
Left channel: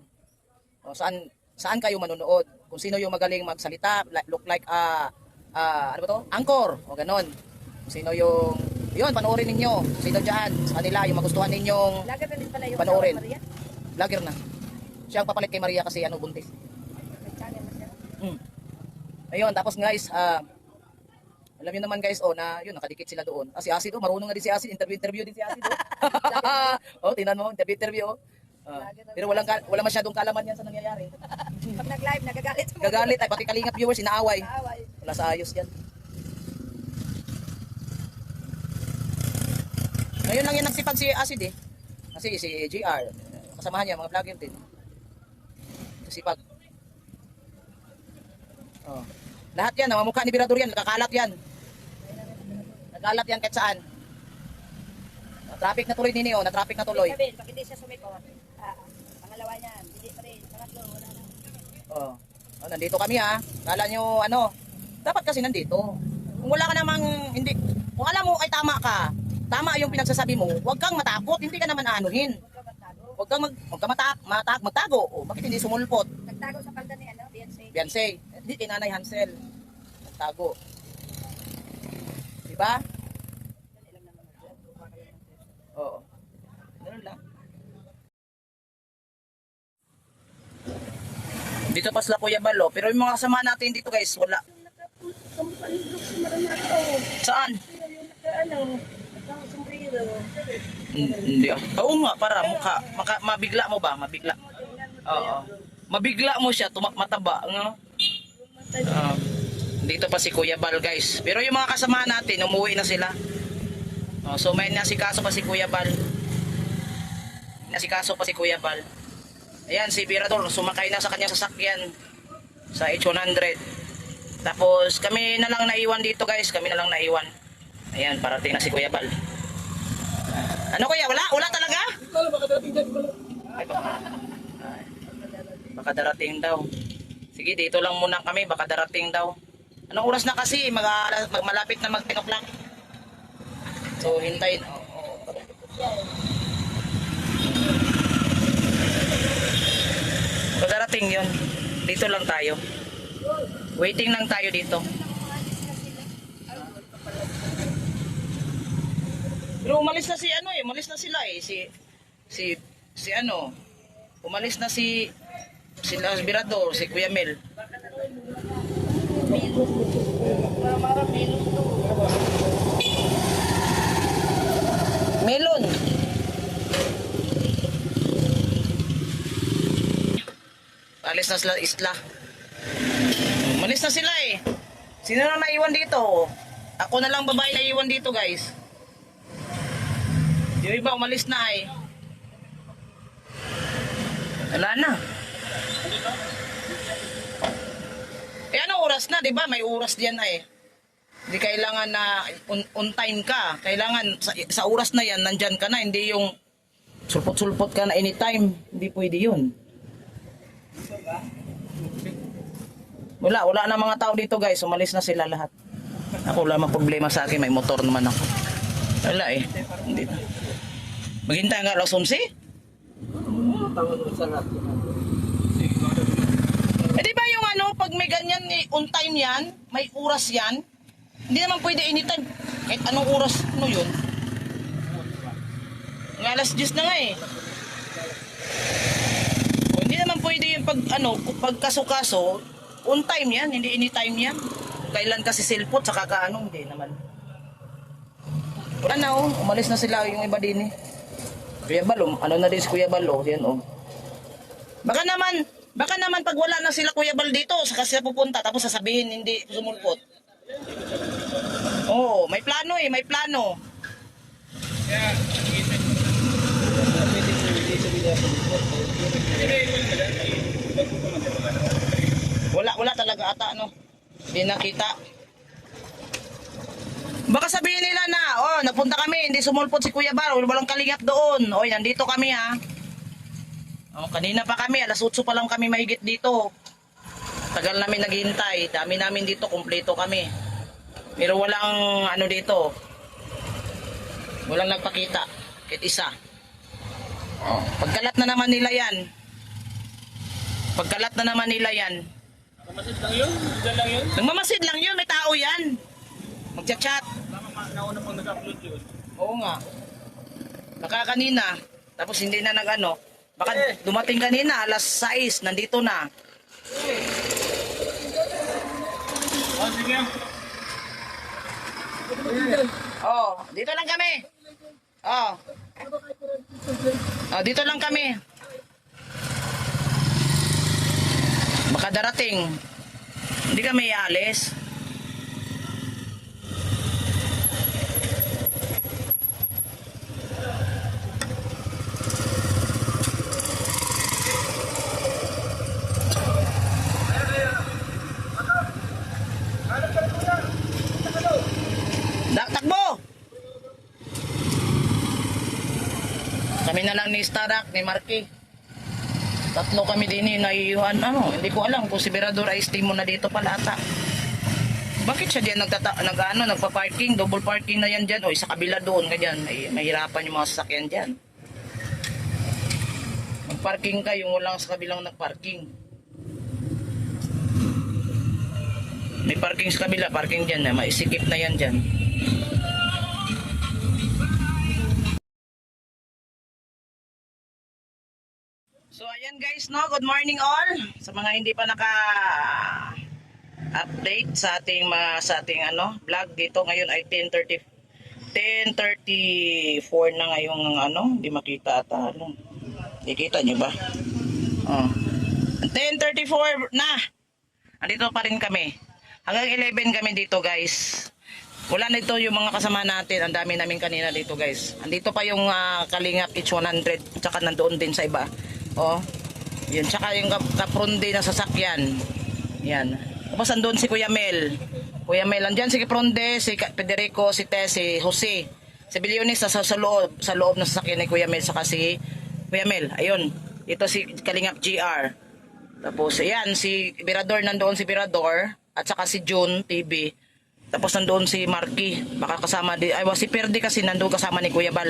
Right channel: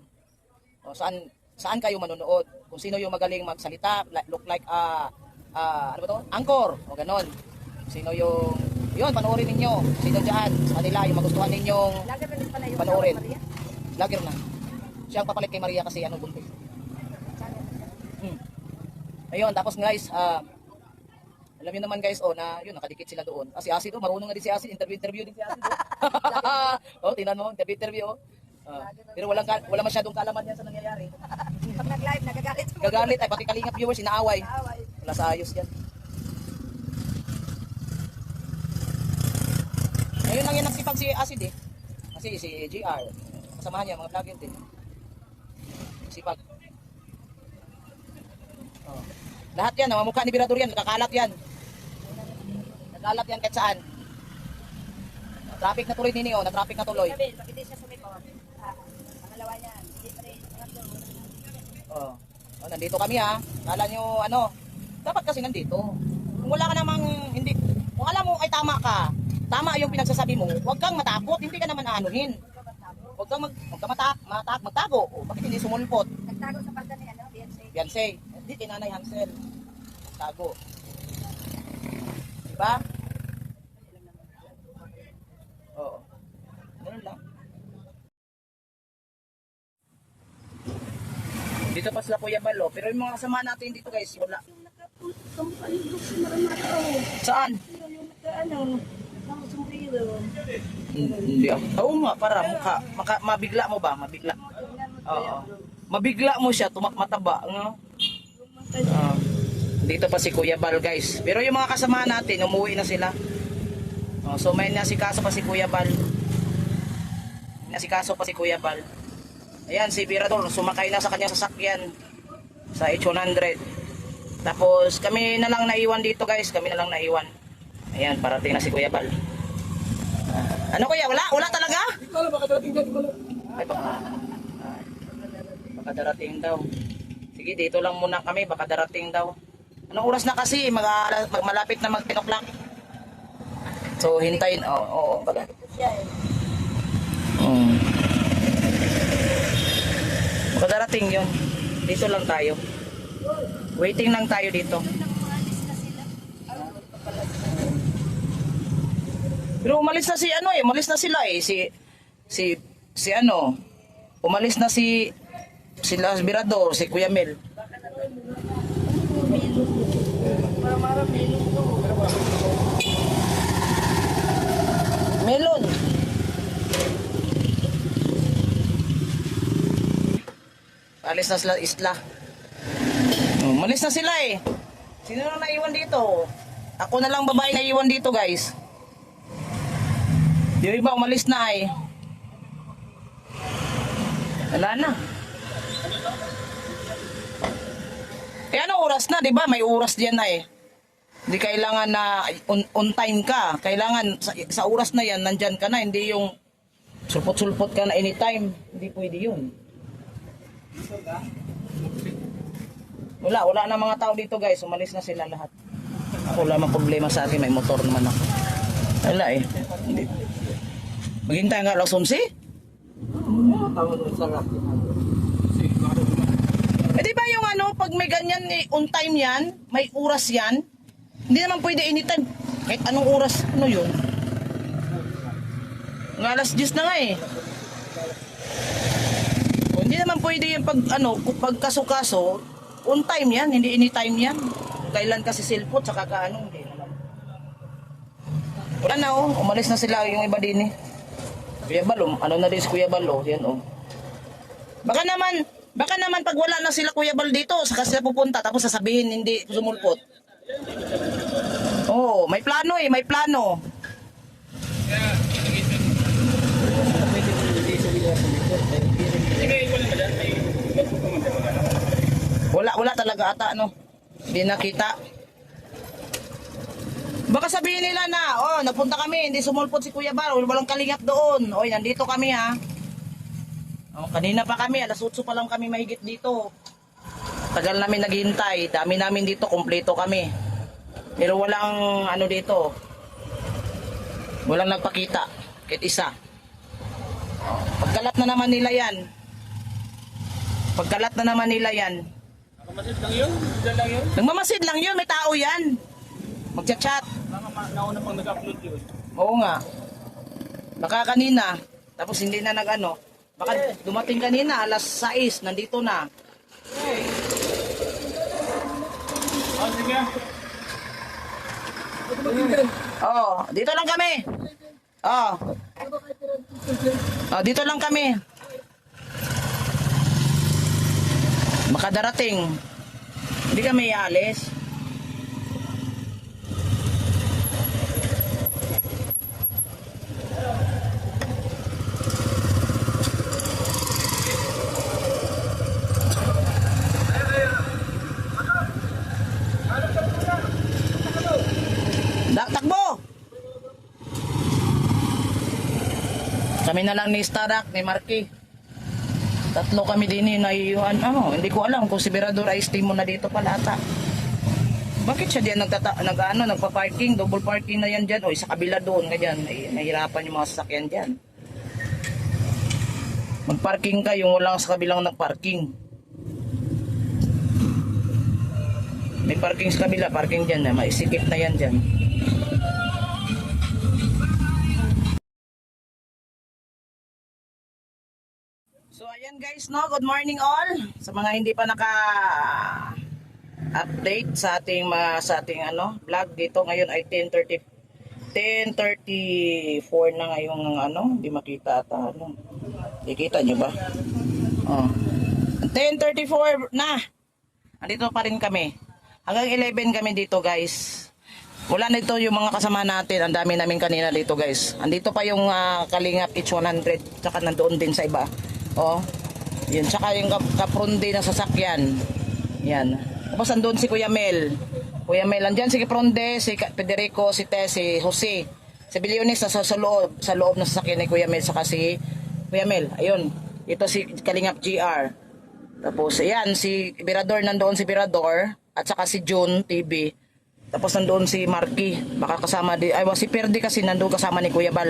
O saan kayo manonood. Kung sino yung magaling magsalita, look like ano ba to? Anchor o ganon. Sino yung yun, panoorin ninyo. Sino diyan sa kanila yung magustuhan ninyong Vlogger na din pala yung panoorin. Maria. Vlogger na. Siya ang papalit kay Maria kasi ano buntis. Ayun, tapos guys, alam niyo naman guys, na yun, nakadikit sila doon. Kasi Acid, marunong nga din si Acid, interview din si Acid. Tingnan mo, interview. Pero wala masyadong kaalaman yan sa nangyayari. Pag nag-live, nagagalit. Gagalit, ay pati kalingap viewers, inaaway. Wala sa ayos yan. Ngayon lang yan nagsipag si Acid eh. Kasi si JR, kasamahan niya, mga vlogger din. Sipag. Lahat yan, mukha ni Birador yan, nakakalat yan. Nakalat yan kahit saan. Traffic na tuloy din na-traffic na tuloy. Sabihin, pag hindi siya sumipot, pangalawa niyan, hindi pa rin, pangatlo, wala na. Nandito kami ha. Kala nyo dapat kasi nandito. Kung wala ka namang, hindi, kung alam mo ay tama ka, tama yung pinagsasabi mo, huwag kang matakot, hindi ka naman aanuhin. Huwag kang magtago. Bakit hindi sumulpot? Nagtago sa palda ni Beyonce. Beyonce, hindi kay Nanay Hansel. Tago. Diba? Oo. Ganun lang. Dito pa sila Kuya Balo, pero yung mga kasama natin dito guys, wala. Saan? Hindi ah. Oo nga, para mukha. Mabigla mo ba? Mabigla. Oo. Mabigla mo siya, mataba. No? Dito pa si Kuya Bal guys. Pero yung mga kasama natin, umuwi na sila. So may nasikaso pa si Kuya Bal. Nasikaso pa si Kuya Bal. Ayan, si Birador, sumakay na sa kanyang sasakyan sa H100. Tapos kami na lang naiwan dito guys. Kami na lang naiwan. Ayan, parating na si Kuya Bal. Ano kuya? Wala talaga? Baka darating dyan. Baka darating daw. Sige, dito lang muna kami. Baka darating daw. Anong oras na kasi? Malapit na mag 10 o'clock. So, hintayin. Oo. Magdarating yun. Dito lang tayo. Waiting lang tayo dito. Pero umalis na si ano eh. Umalis na sila eh. Si ano. Umalis na si Birador, si Kuya Mel. Melon. Alis na sila isla. Umalis na sila eh. Sino na naiwan dito? Ako na lang babae na iwan dito, guys. Yung iba umalis na eh. Wala na. Eh anong oras na, 'di ba? May oras diyan na eh. Hindi kailangan na on time ka. Kailangan sa oras na 'yan nandiyan ka na, hindi yung sulpot-sulpot ka na anytime. Hindi pwede 'yun. Wala na mga tao dito, guys. Umalis na sila lahat. Ako lamang problema sa akin, may motor naman ako. Wala eh. Hindi. Maghintay nga alas 11? Eh di ba yung ano, pag may ganyan on time yan, may oras yan, hindi naman pwede anytime. Kahit anong oras, ano yun? Ng alas 10 na nga eh. O, hindi naman pwede yung pag kaso-kaso, on time yan, hindi anytime yan. Kailan kasi silpot, saka kaano, hindi naman. Wala na umalis na sila yung iba din eh. Kuya Bal, ano na din si Kuya Bal, yan Baka naman pag wala na sila Kuya Bal dito, saka sila pupunta, tapos sasabihin hindi sumulpot. Oo, may plano eh, may plano. Wala talaga ata, Hindi nakita. Baka sabihin nila na, napunta kami, hindi sumulpot si Kuya Bal, walang kalingap doon. Nandito kami ha. Kanina pa kami, alas 8 pa lang kami mahigit dito. Tagal namin naghihintay, dami namin dito, kumpleto kami. Pero walang dito. Walang nagpakita, kahit isa. Pagkalat na naman nila yan. Nagmamasid lang yun, may tao yan. Magchat-chat. Oo nga. Baka kanina, tapos hindi na baka dumating kanina, alas 6, nandito na. Dito lang kami. Dito lang kami. Baka darating. Hindi kami ialis. Takbo! Kami na lang ni Starak, ni Marky. Tatlo kami din naiiwan. Hindi ko alam kung si Birador ay estimo na dito pala ata. Bakit siya diyan nagpa-parking, double parking na yan diyan, sa kabila doon ganyan, mahirapan yung mga sasakyan diyan. Mag-parking ka yung walang sa kabilang nag-parking. May parking sa kabila, parking diyan na, maisikip na yan diyan. So ayan guys, good morning all. Sa mga hindi pa naka-update sa ating vlog dito ngayon ay 10:34 na ngayong hindi makita ata Nakikita niyo ba? 10:34 na. Andito pa rin kami. Hanggang 11 kami dito guys. Wala na ito yung mga kasama natin. Ang dami namin kanina dito guys. Andito pa yung Kalingap H100. Tsaka nandoon din sa iba. Yun, tsaka yung kapronde na sasakyan. Yan. Tapos andun si Kuya Mel. Andyan si Kapronde, si Federico, si Tess, si Jose. Si Billionis sa loob na sasakyan ni Kuya Mel, saka si Kuya Mel. Ayun. Ito si Kalingap GR. Tapos ayan, si Birador, nandoon si Birador. at saka si June TV. Tapos nandoon si Marky, baka kasama din, ay si Perdi kasi nandoon kasama ni Kuya Bal.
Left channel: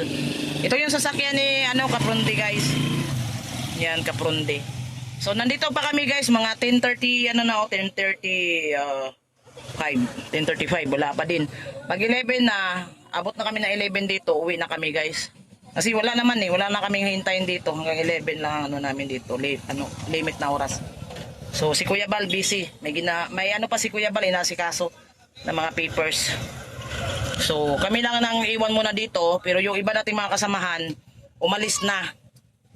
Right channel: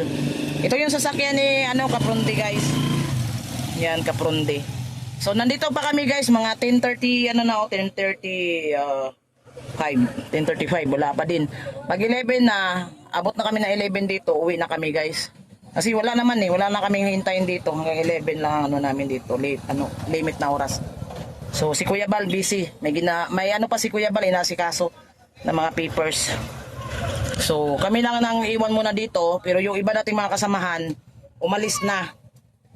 Ito yung sasakyan ni Kaprundi guys. Yan, Kaprundi. So nandito pa kami guys, mga 10:30 10:35, wala pa din. Pag 11 na, abot na kami ng 11 dito, uwi na kami guys. Kasi wala naman wala na kaming hintayin dito, hanggang 11 lang namin dito, limit na oras. So si Kuya Bal busy, may pa si Kuya Bal inasikaso ng mga papers. So kami lang nang iwan muna dito, pero yung iba nating mga kasamahan umalis na,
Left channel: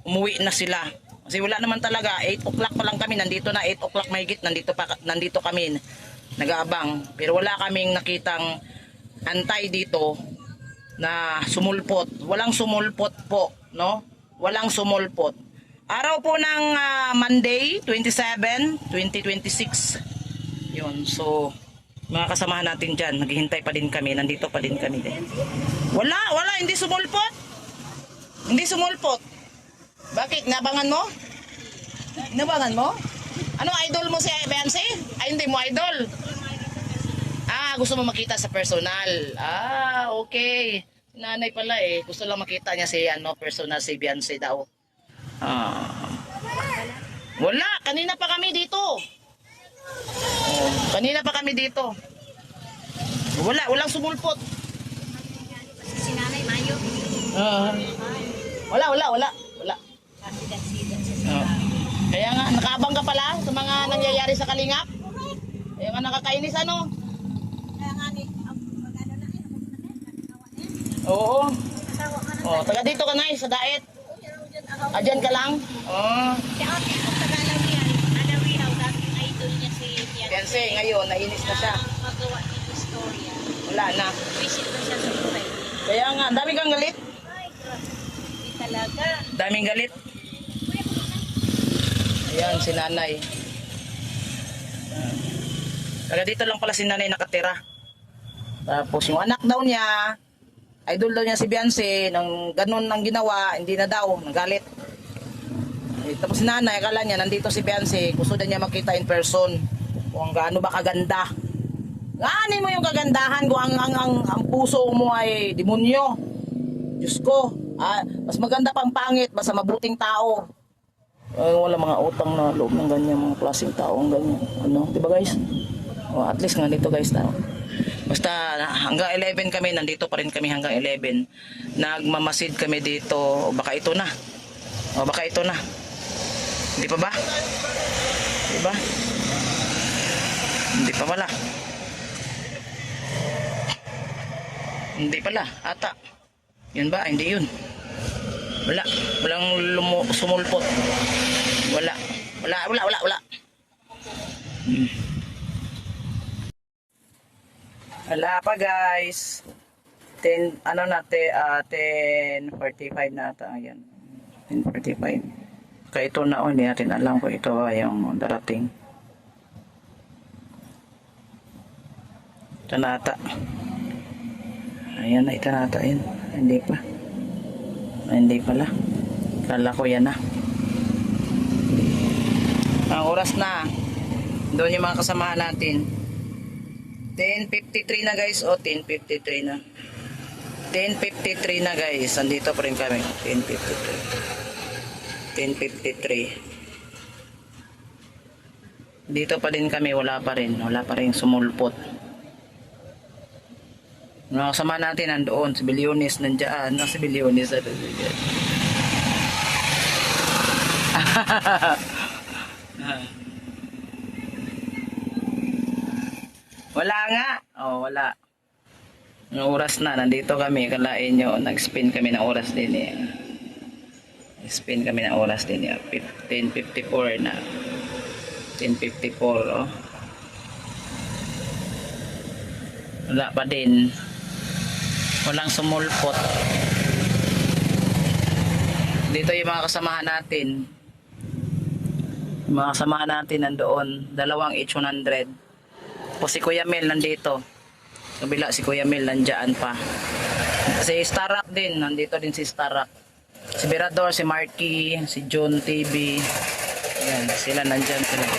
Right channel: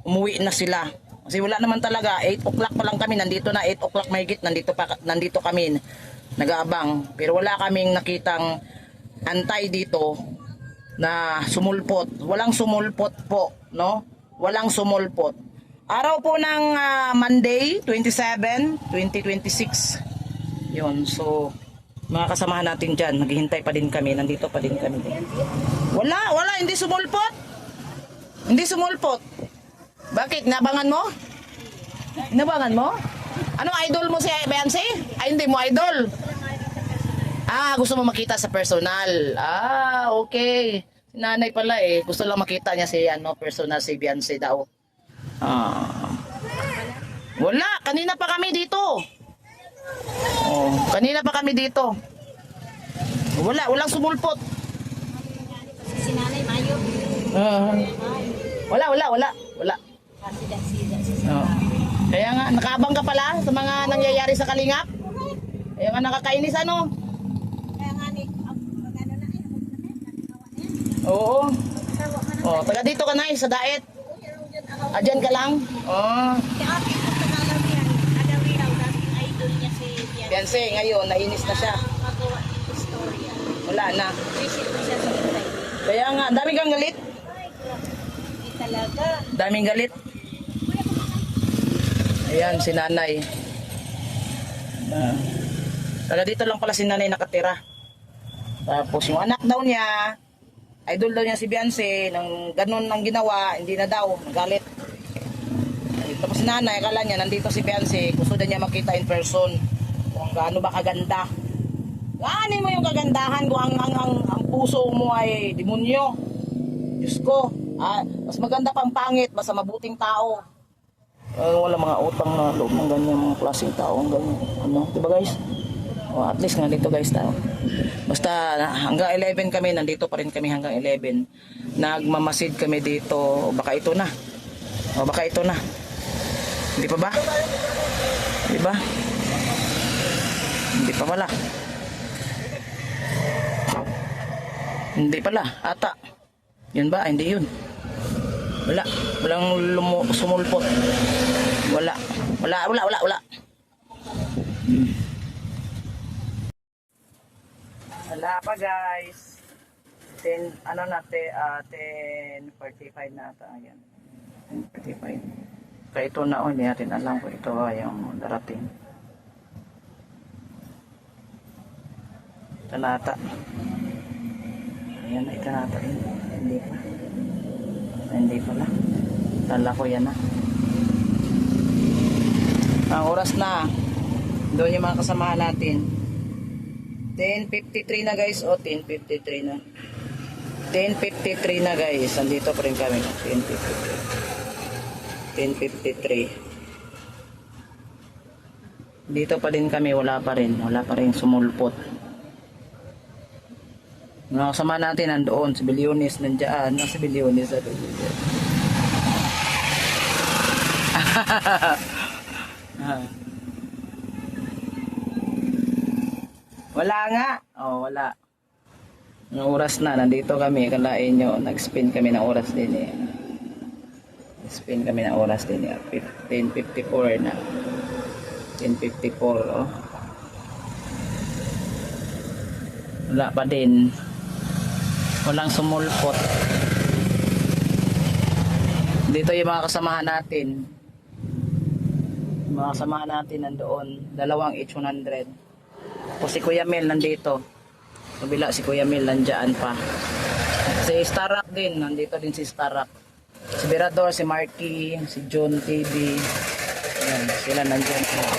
umuwi na sila. Kasi wala naman talaga, 8 o'clock pa lang kami, nandito na 8 o'clock mahigit, nandito kami nag-aabang. Pero wala kaming nakitang antay dito na sumulpot. Walang sumulpot po, no? Walang sumulpot. Araw po ng Monday, 27, 2026. Yun, so mga kasamahan natin dyan, naghihintay pa din kami, nandito pa din kami din. Wala, hindi sumulpot. Hindi sumulpot. Bakit? Nabangan mo? Nabangan mo? Ano, idol mo si Beyonce? Ay, hindi mo idol. Gusto mo makita sa personal. Okay. Nanay pala gusto lang makita niya si personal si Beyonce daw. Wala, kanina pa kami dito. Kanina pa kami dito. Walang sumulpot. Si Nanay Mayo. Wala. Kaya nga, nakaabang ka pala sa mga nangyayari sa Kalingap. Kaya nga nakakainis Kaya nga ni, magano na Oo. Taga dito ka na sa Daet. Diyan ka lang? Alawihaw, dating idol niya si Beyonce, ngayon, nainis na siya. Magawa ng istorya. Wala na. Visit na siya sa buhay. Kaya nga, dami kang galit. Hindi talaga. Daming galit. Ayan, si nanay. Taga dito lang pala si nanay nakatira. Tapos yung anak daw niya, idol daw niya si Beyonce, nang ganun ang ginawa, hindi na daw, nagalit. Tapos si nanay, akala niya, nandito si Beyonce, gusto din niya makita in person, kung gaano ba kaganda. Gaanin mo yung kagandahan kung ang puso mo ay demonyo. Diyos ko, mas maganda pang pangit, basta mabuting tao. Wala mga utang na loob ng ganyan, mga klaseng tao, ganyan. Diba guys? At least nga dito guys tao. Basta hanggang 11 kami, nandito pa rin kami hanggang 11. Nagmamasid kami dito, baka ito na. Hindi pa ba? Diba? Hindi pa pala. Hindi pala, ata. Yun ba? Hindi yun. Walang sumulpot. Wala. Wala pa guys. 10:45 na ata. Ayan. 10:45. Kaya ito na, hindi natin alam kung ito ay yung darating. Ito na ata. Ayan, ito na ata. Ayan. Hindi pa. Hindi pala. Kala ko yan na. Ang oras na. Doon yung mga kasamahan natin. 10:53 na guys. 10:53 na. 10:53 na guys. Andito pa rin kami. 10:53. Dito pa din kami. Wala pa rin sumulpot. Mga kasama natin nandoon. Si Bilyonis nandiyan. Si Bilyonis. Wala nga. Wala. Ang oras na, nandito kami. Kalain nyo, nag-spin kami ng oras din Spin kami ng oras din 10:54 na. 10:54 Wala pa din. Walang sumulpot. Dito yung mga kasamahan natin. Yung mga kasamahan natin nandoon. 2 H100. Po si Kuya Mel nandito. Kabila si Kuya Mel nandiyan pa. Si Starak din, nandito din si Starak. Si Berador, si Marky, si John TV. Yan, sila nandiyan sila.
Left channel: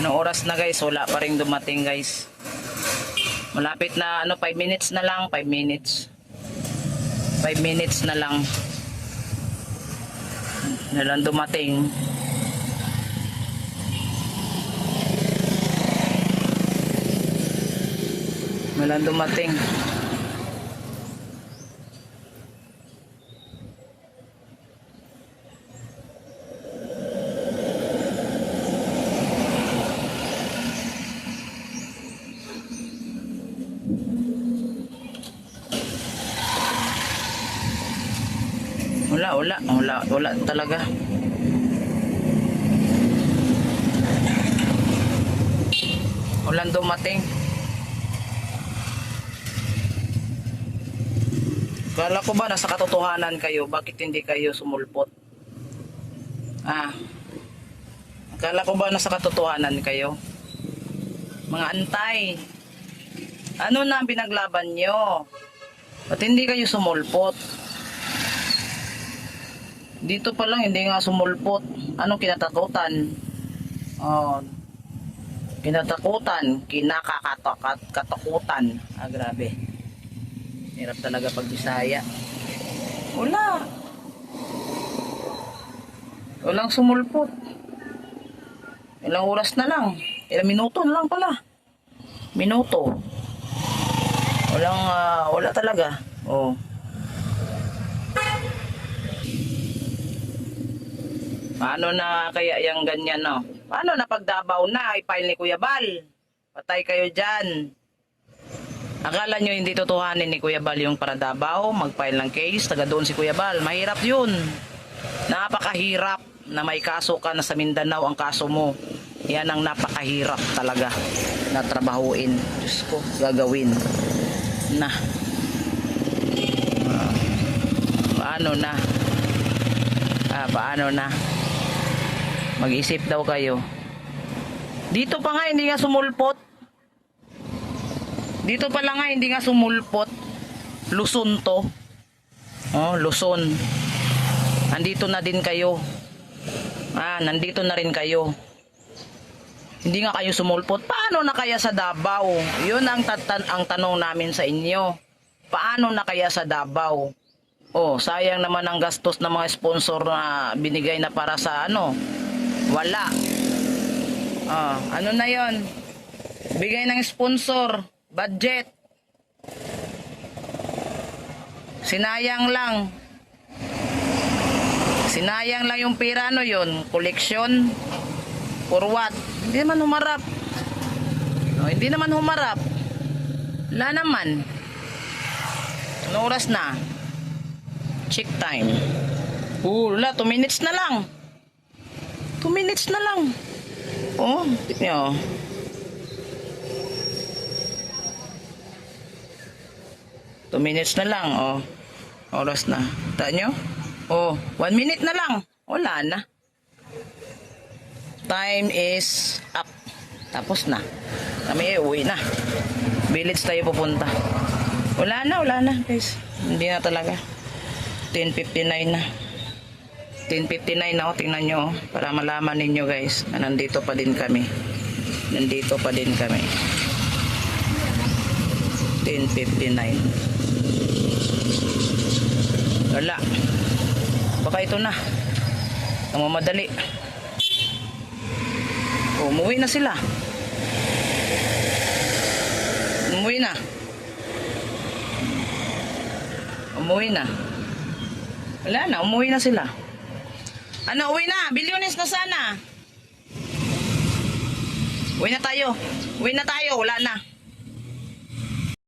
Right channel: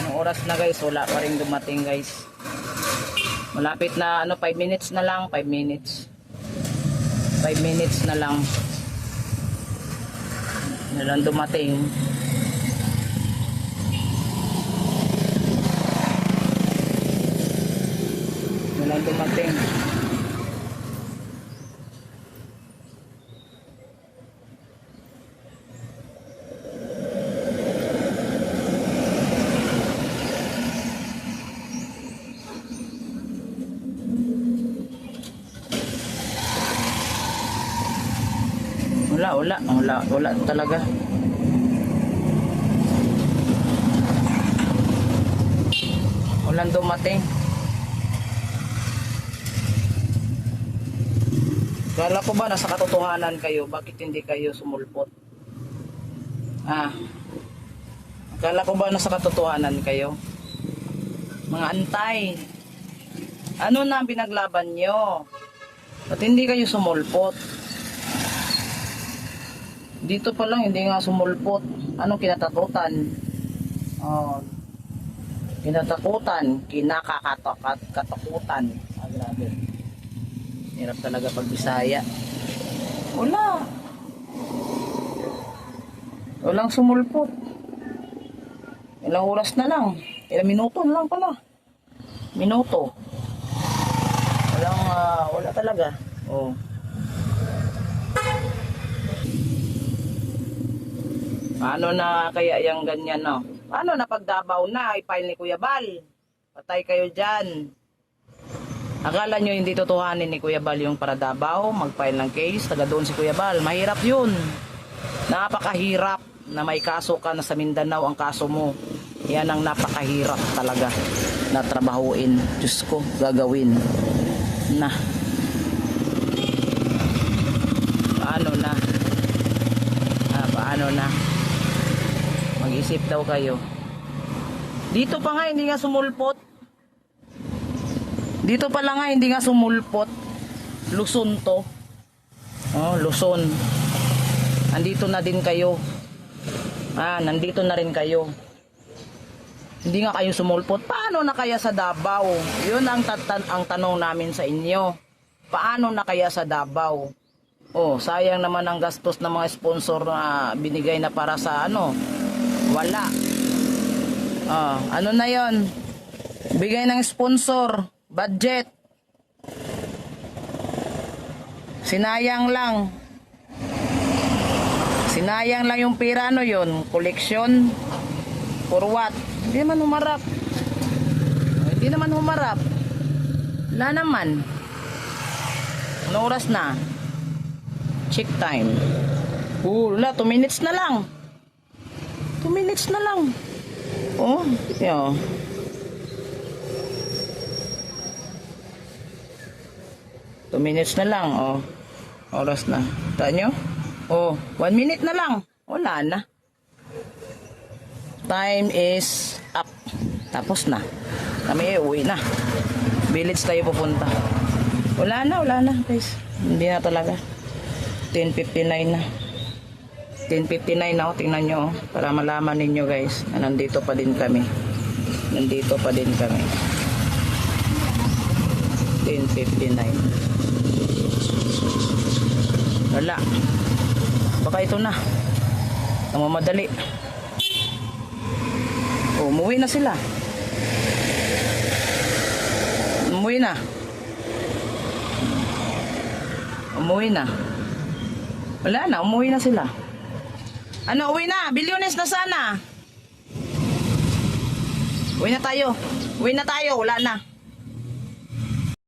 Anong oras na guys? Wala pa rin dumating guys. Malapit na 5 minutes na lang, 5 minutes. 5 minutes na lang. Na lang dumating. Walang dumating. Wala talaga. Walang dumating. Kala ko ba nasa katotohanan kayo? Bakit hindi kayo sumulpot? Kala ko ba nasa katotohanan kayo? Mga antay. Ano na ang pinaglaban nyo? Ba't hindi kayo sumulpot? Dito pa lang hindi nga sumulpot. Anong kinatakutan? Kinatakutan, kinakatakutan. Grabe. Hirap talaga pag Bisaya. Walang sumulpot. Ilang oras na lang. Ilang minuto na lang pala. Minuto. Wala talaga. Paano na kaya yung ganyan, no? Paano na pagdabaw na, i-file ni Kuya Bal? Patay kayo dyan. Akala nyo hindi totohanin ni Kuya Bal yung para Davao, mag-file ng case, taga doon si Kuya Bal. Mahirap yun. Napakahirap na may kaso ka na sa Mindanao ang kaso mo. Yan ang napakahirap talaga na trabahuin. Diyos ko, gagawin. Paano na? Mag-isip daw kayo. Dito pa nga hindi nga sumulpot. Dito pa lang nga hindi nga sumulpot. Luzon to. Luzon. Nandito na din kayo. Nandito na rin kayo. Hindi nga kayo sumulpot. Paano na kaya sa Davao? Yun ang tanong namin sa inyo. Paano na kaya sa Davao? Sayang naman ang gastos ng mga sponsor na binigay na para sa wala. Ano na yon? Bigay ng sponsor, budget. Sinayang lang yung pera, yon? Collection? For what? Hindi naman humarap. Hindi naman humarap. Wala naman. Anong oras na? Check time. Wala, 2 minutes na lang. 2 minutes na lang. Tignan. 2 minutes na lang. Oras na. Taan nyo? 1 minute na lang. Wala na. Time is up. Tapos na. Kami uwi na. Village tayo pupunta. Wala na guys. Hindi na talaga. 10:59 na. 10:59 na. Tingnan nyo. Para malaman ninyo guys na nandito pa din kami. 10:59. Wala. Baka ito na. Namamadali. Umuwi na sila. Umuwi na. Wala na. Umuwi na sila. Uwi na. Billionaires na sana. Uwi na tayo. Wala na.